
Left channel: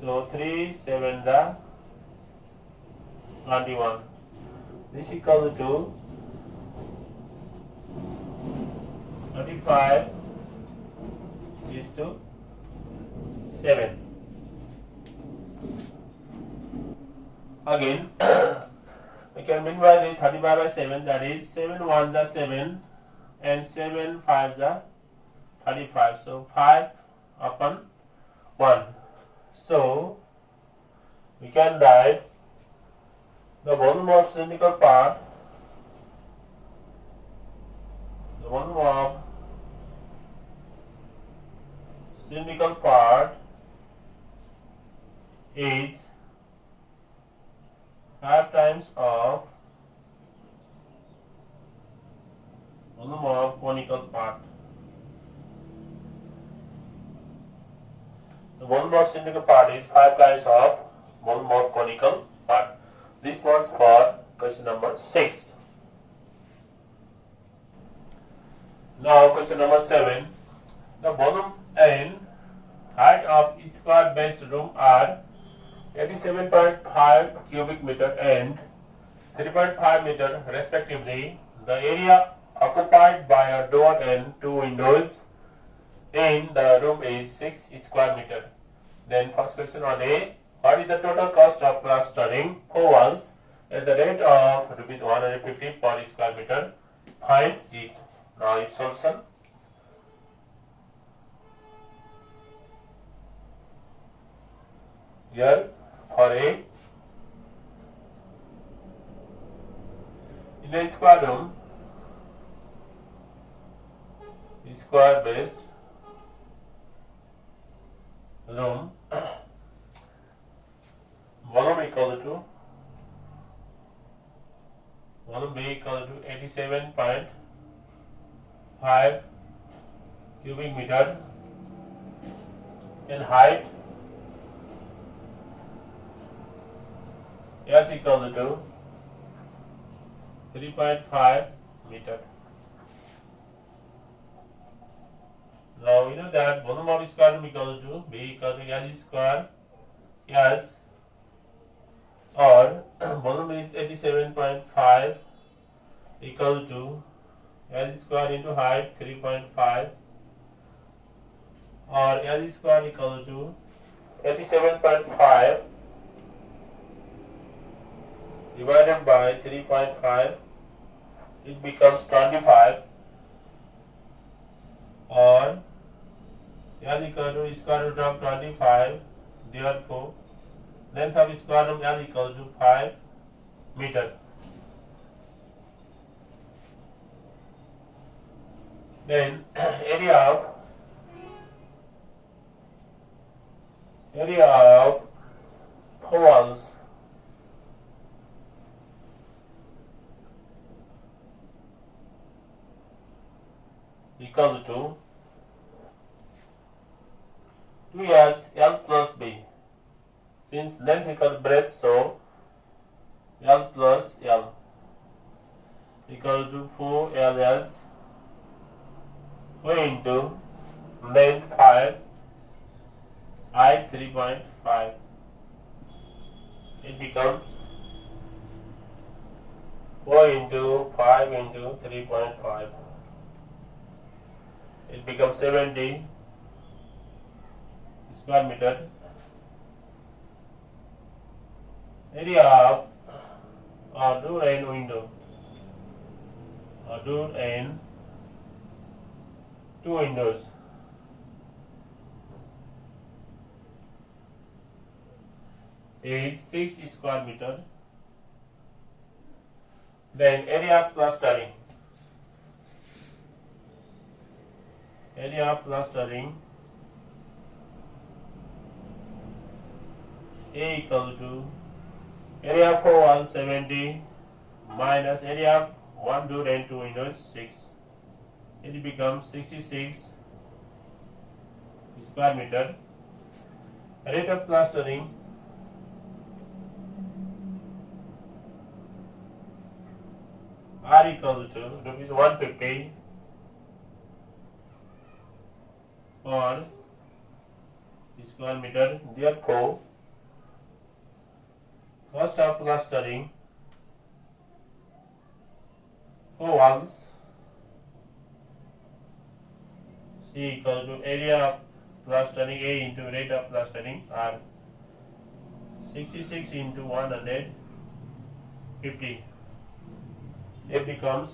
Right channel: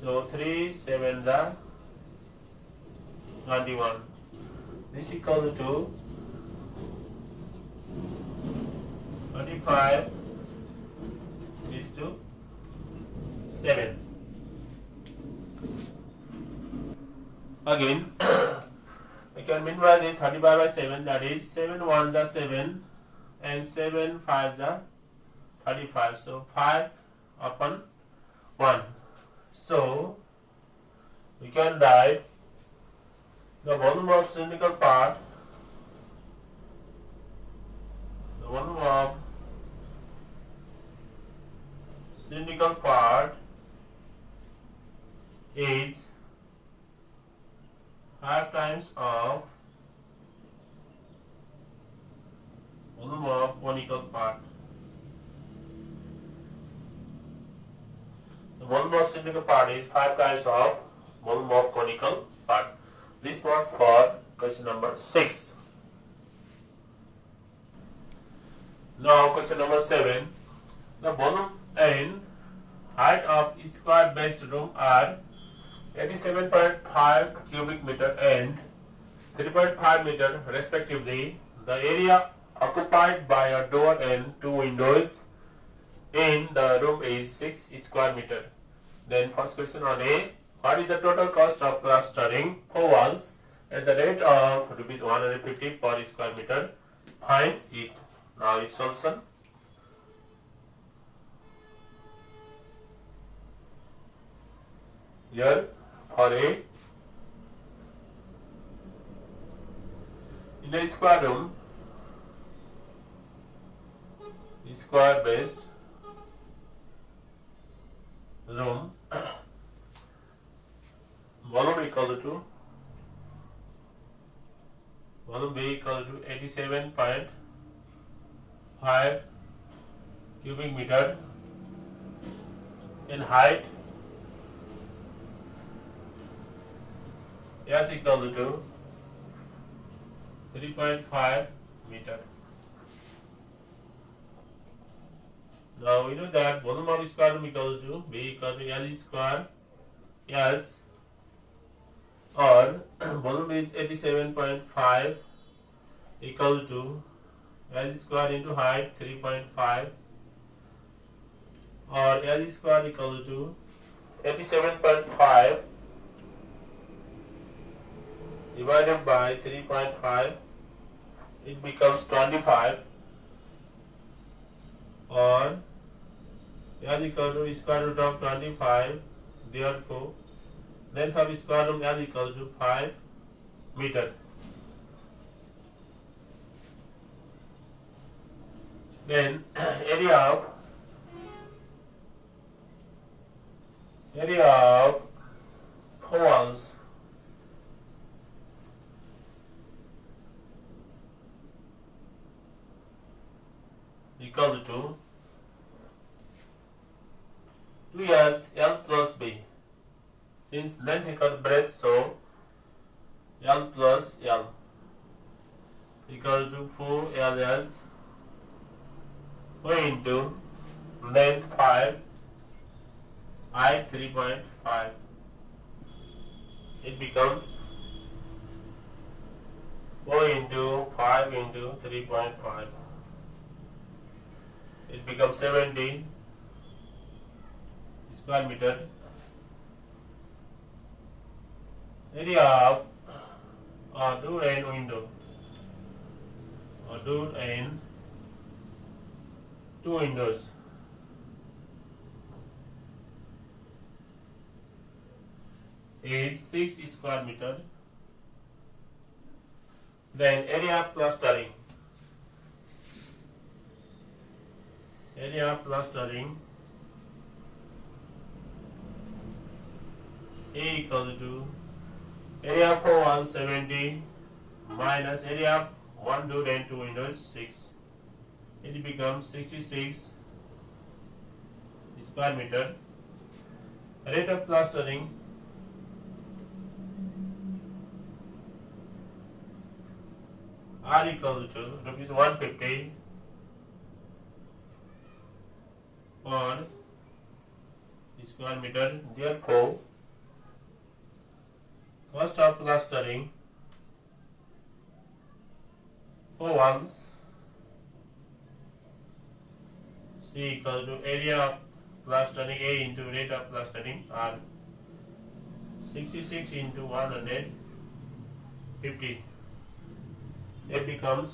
So 3 7 the 21. This equal to 35 is to 7. Again, we can minimize the 35 by 7, that is 7 1 the 7 and 7 5 the 35. So 5 upon 1. So we can write the volume of cylindrical part, the volume of cylindrical part is 5 times of volume of conical part. The volume of cylindrical part is 5 times of volume of conical part. This was for question number 6. Now question number 7. The volume and height of square base room are 87.5 cubic meter and 3.5 meter respectively. The area occupied by a door and 2 windows in the room is 6 square meter. Then first question on A. What is the total cost of plastering 4 walls at the rate of rupees 150 per square meter? Find it. Now its solution. Here for A, in a square room, square based room, volume equal to volume B equal to 87.5 cubic meter, and height S equal to 3.5 meter. Now we know that volume of square room equal to B equal to L square S, or volume is 87.5 equal to L square into height 3.5, or L square equal to 87.5 divided by 3.5, it becomes 25, or L equal to square root of 25, therefore length of square room L equal to 5 meter. Then area of walls equal to 2s L plus B. Since length equals breadth, so L plus L equal to 4ls into length 5, height 3.5. It becomes 4 into 5 into 3.5. It becomes 70 square meter. Area of a door and window. A door and two windows. Is 6 square meter. Then area of plastering. Area of plastering A equal to area of 4 walls 70 minus area of 1 door and 2 windows 6. It becomes 66 square meter. Rate of plastering R equal to rupees 150 per square meter. Therefore, cost of plastering for walls C equal to area of plastering A into rate of plastering R. 66 into 150. It becomes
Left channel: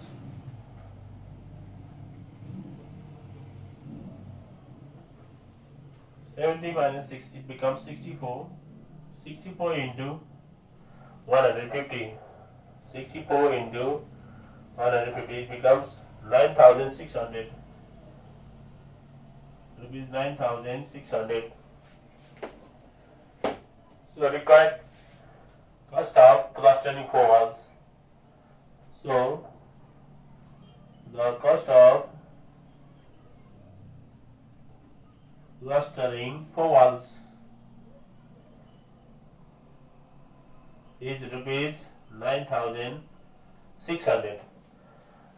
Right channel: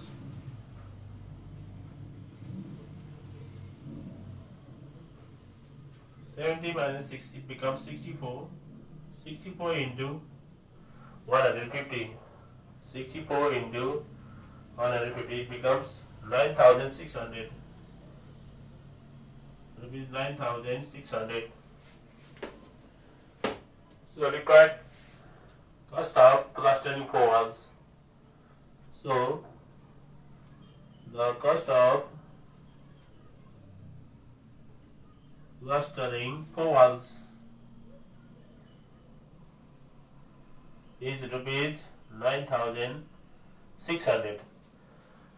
70 minus 6, it becomes 64. 64 into 150. 64 into 150, it becomes 9,600. Rupees 9,600. So required cost of plastering 4 walls. So the cost of plastering 4 walls is rupees 9,600.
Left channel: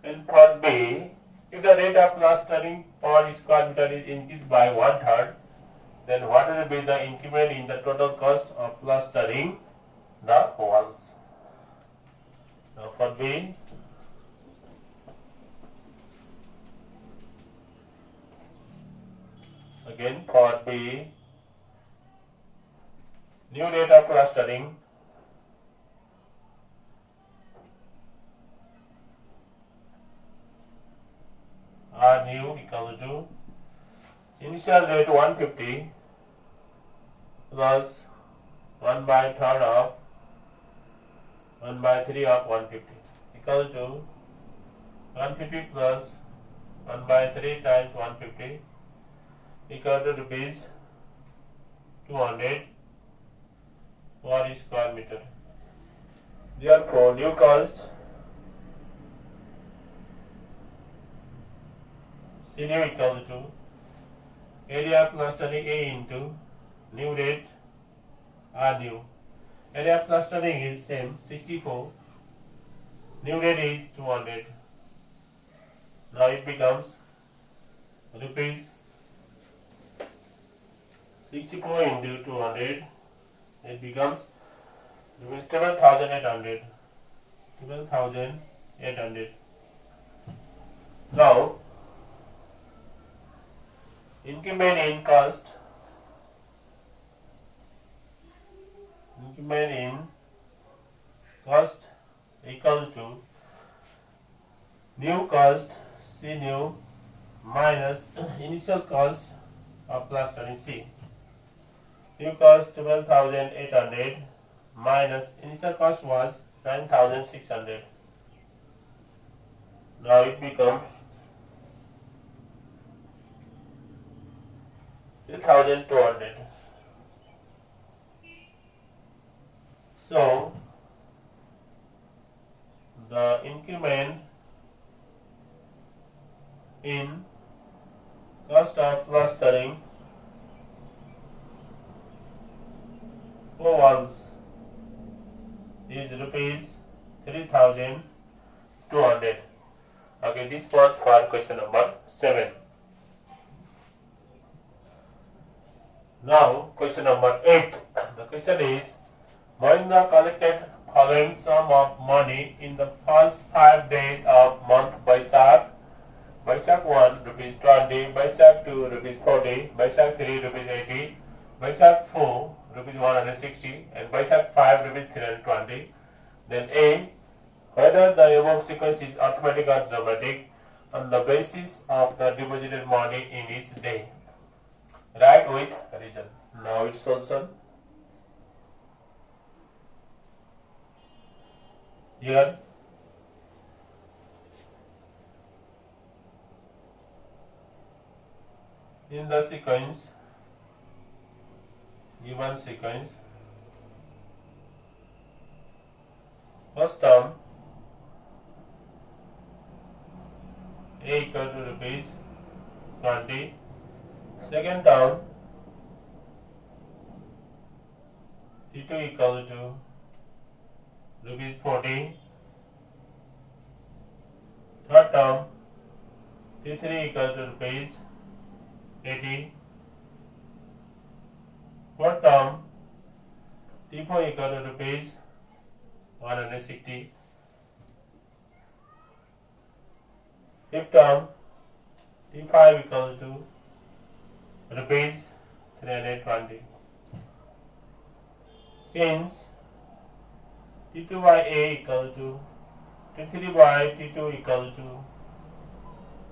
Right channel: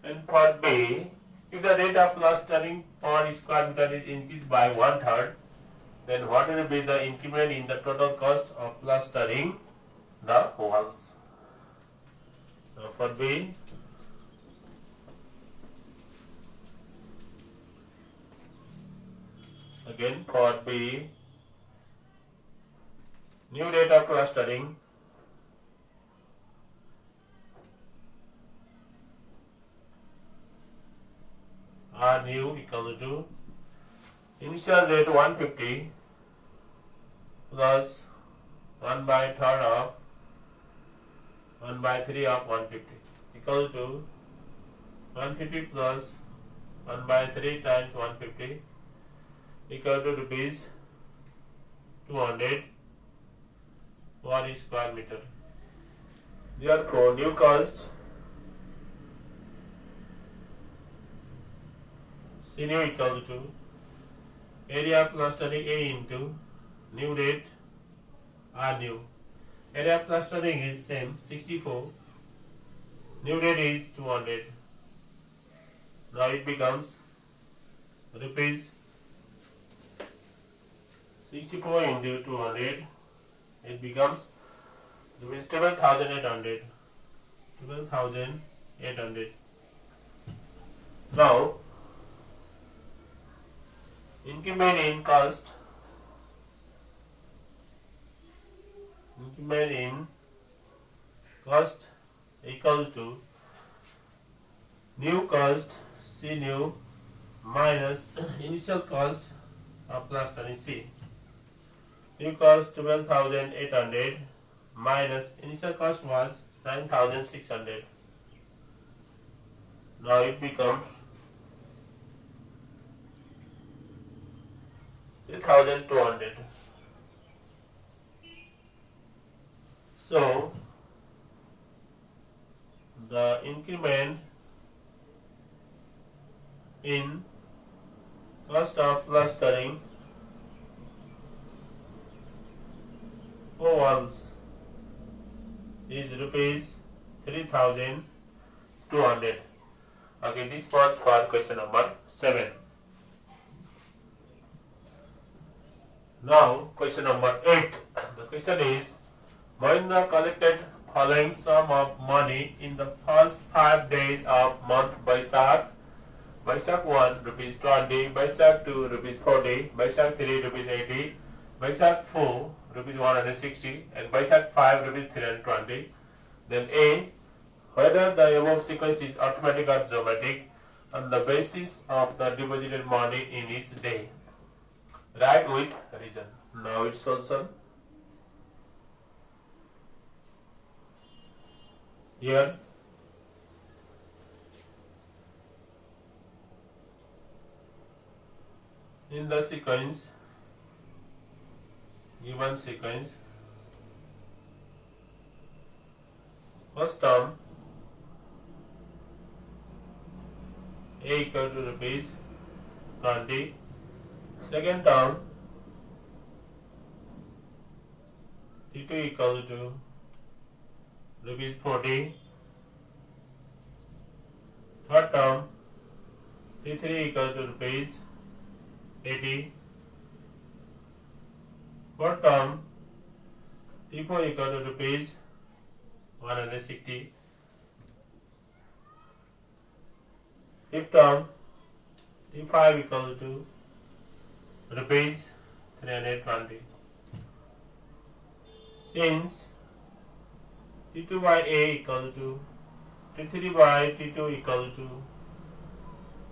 And for B, if the rate of plastering per square meter is increased by 1/3, then what will be the increment in the total cost of plastering the walls? Now for B, again for B, new rate of plastering R new equal to initial rate 150 plus 1/3 of 1/3 of 150 equal to 150 plus 1/3 times 150 equal to rupees 200 per square meter. Therefore, new cost C new equal to area of plastering A into new rate R new. Area of plastering is same 64. New rate is 200. Now it becomes rupees 64 into 200. It becomes rupees 12,800. 12,800. Now increment in cost. Increment in cost equal to new cost C new minus initial cost of plastering C. New cost 12,800 minus initial cost was 9,600. Now it becomes 3,200. So the increment in cost of plastering for walls is rupees 3,200. Okay, this was for question number 7. Now question number 8. The question is, Mahindra collected following sum of money in the first 5 days of month Baisakh. Baisakh 1 rupees 20, Baisakh 2 rupees 40, Baisakh 3 rupees 80, Baisakh 4 rupees 160, and Baisakh 5 rupees 320. Then A, whether the above sequence is arithmetic or geometric on the basis of the deposited money in each day. Write with reason. Now its solution. Here in the sequence, given sequence, first term A equal to rupees 20, second term T2 equal to rupees 40, third term T3 equal to rupees 80, fourth term T4 equal to rupees 160, fifth term T5 equal to rupees 320. Since T2 by A equal to T3 by T2 equal to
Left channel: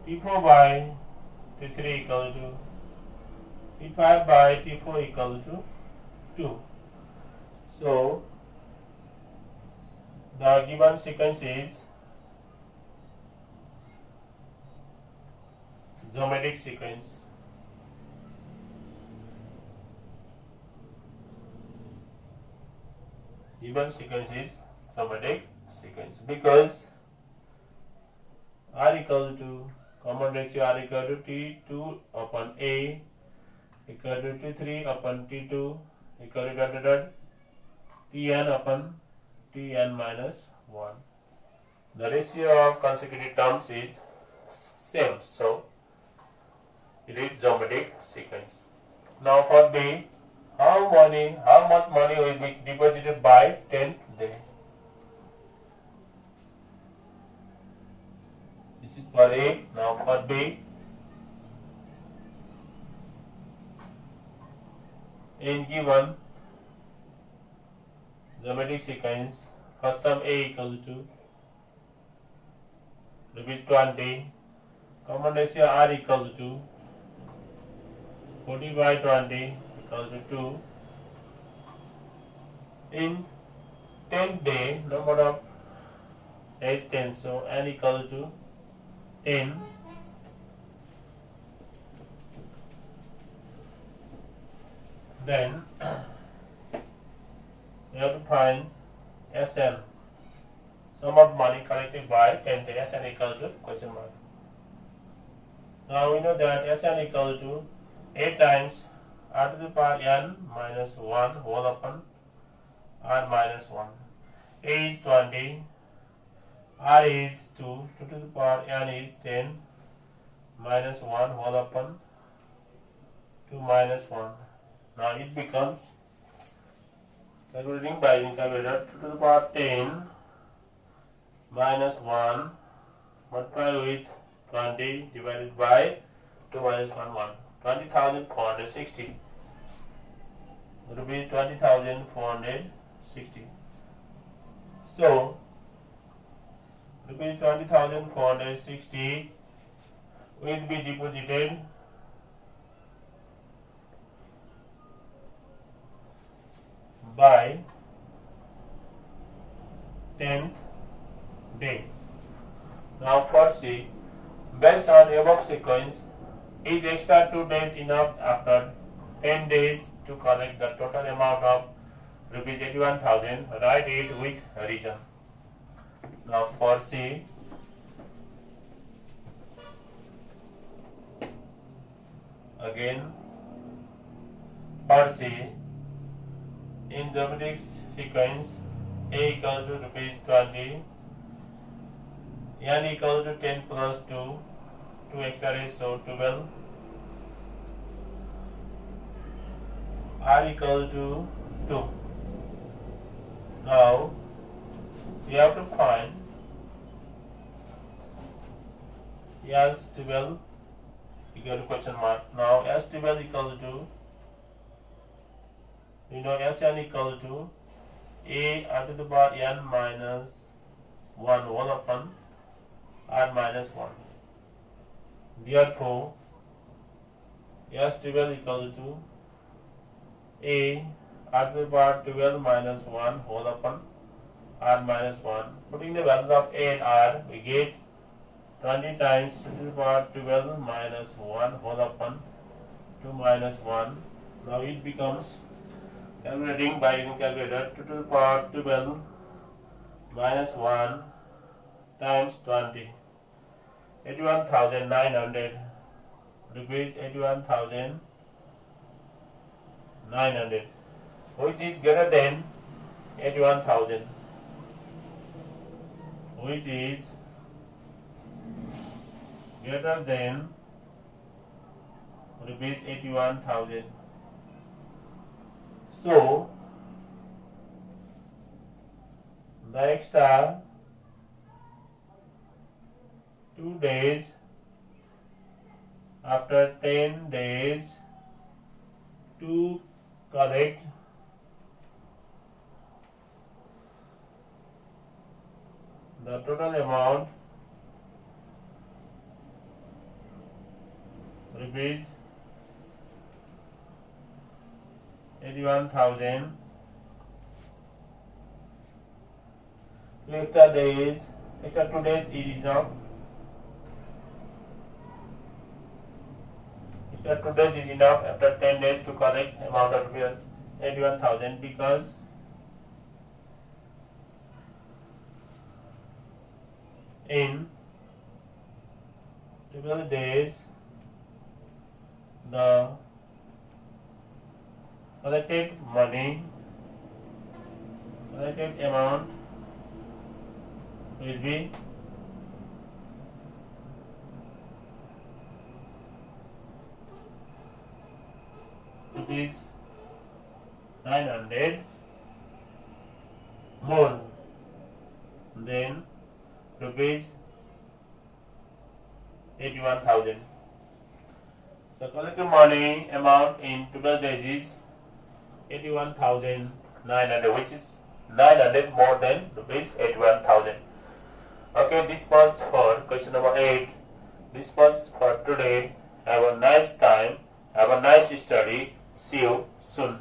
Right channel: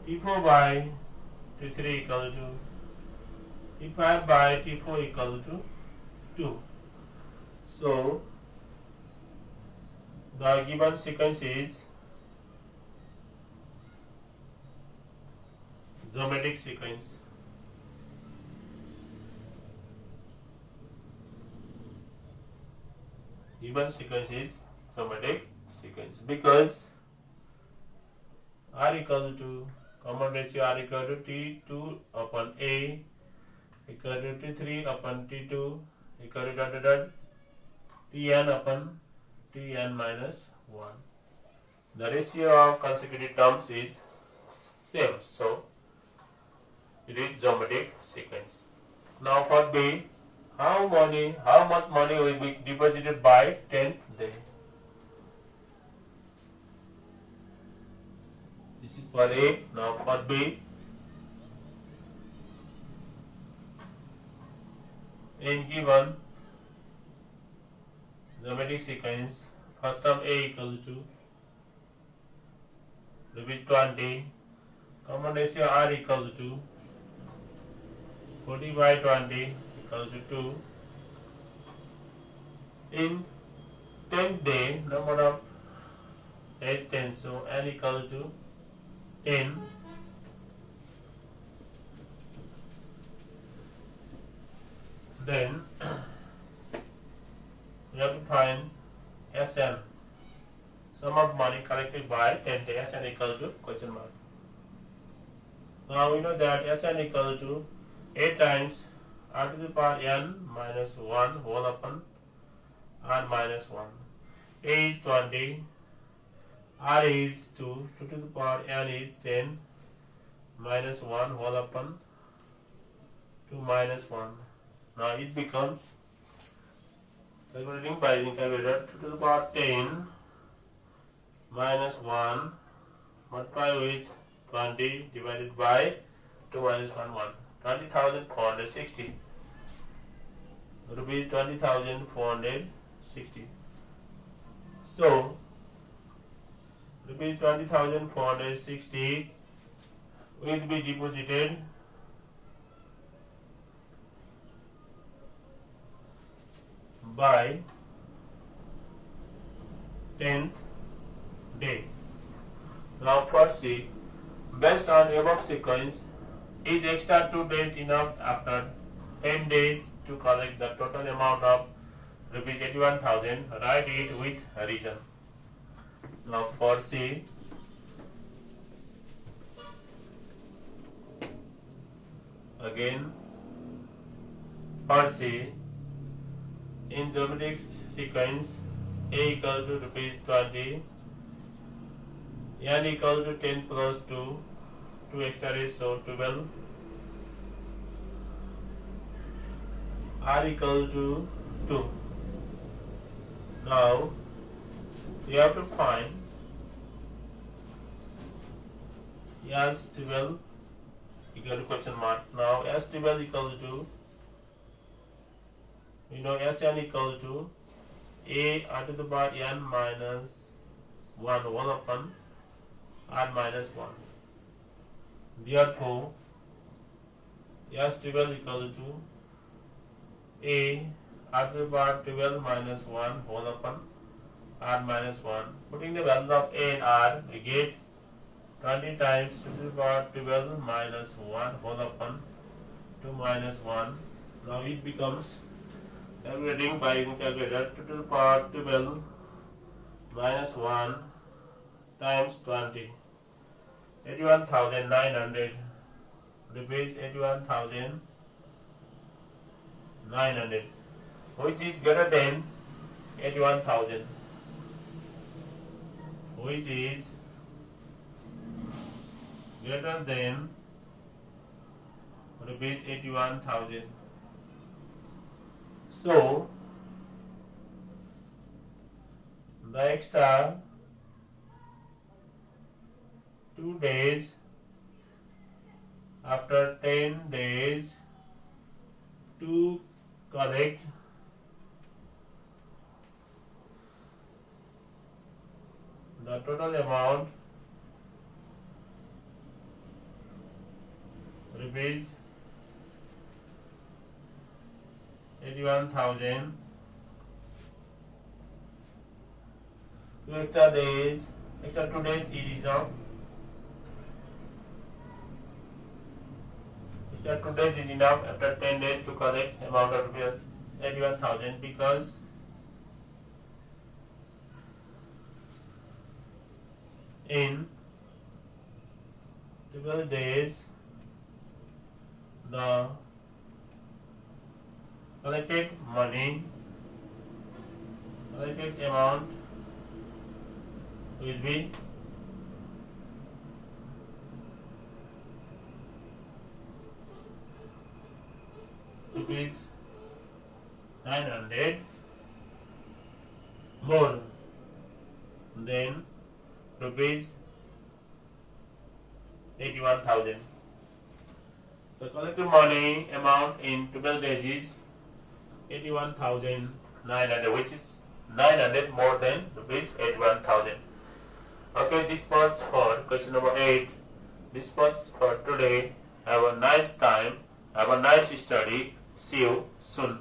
T4 by T3 equal to T5 by T4 equal to 2. So the given sequence is geometric sequence. Given sequence is geometric sequence because R equal to common ratio R equal to T2 upon A equal to T3 upon T2 equal to Tn upon Tn minus 1. The ratio of consecutive terms is same, so it is geometric sequence. Now for B, how much money will be deposited by 10th day? This is for A. Now for B, in given geometric sequence, first term A equal to rupees 20, common ratio R equal to 40 by 20 equal to 2. In 10th day, number of 8 10, so N equal to 10. Then we have to find Sn, sum of money collected by 10 day. Sn equal to question mark. Now we know that Sn equal to 8 times R to the power n minus 1 whole upon R minus 1. A is 20, R is 2, 2 to the power n is 10 minus 1 whole upon 2 minus 1. Now it becomes, calculating by using calculator, 2 to the power 10 minus 1 multiplied with 20 divided by 2 minus 1, 1. 20,460 rupees, 20,460. So rupees 20,460 will be deposited by 10th day. Now for C, based on above sequence, is extra 2 days enough after 10 days to collect the total amount of rupees 81,000? Write it with reason. Now for C, again for C, in geometric sequence, A equal to rupees 20, N equal to 10 plus 2, 2 extra is so 12, R equal to 2. Now you have to find S12 equal to question mark. Now S12 equals to, you know, Sn equals to a r to the power n minus 1 whole upon r minus 1. Therefore, S12 equals to a r to the power 12 minus 1 whole upon r minus 1. Putting the values of a and r, we get 20 times 2 to the power 12 minus 1 whole upon 2 minus 1. Now it becomes, calculating by using calculator, 2 to the power 12 minus 1 times 20. 81,900. Repeat, 81,900, which is greater than 81,000, which is greater than, repeat, 81,000. So the extra 2 days after 10 days to collect the total amount, rupees 81,000. So extra 2 days it is enough. Extra 2 days is enough after 10 days to collect amount of 81,000, because in 12 days the collected amount will be rupees 900 more than rupees 81,000. The collected money amount in 12 days is 81,900, which is 900 more than rupees 81,000. Okay, this was for question number 8. This was for today. Have a nice time. Have a nice study. See you soon.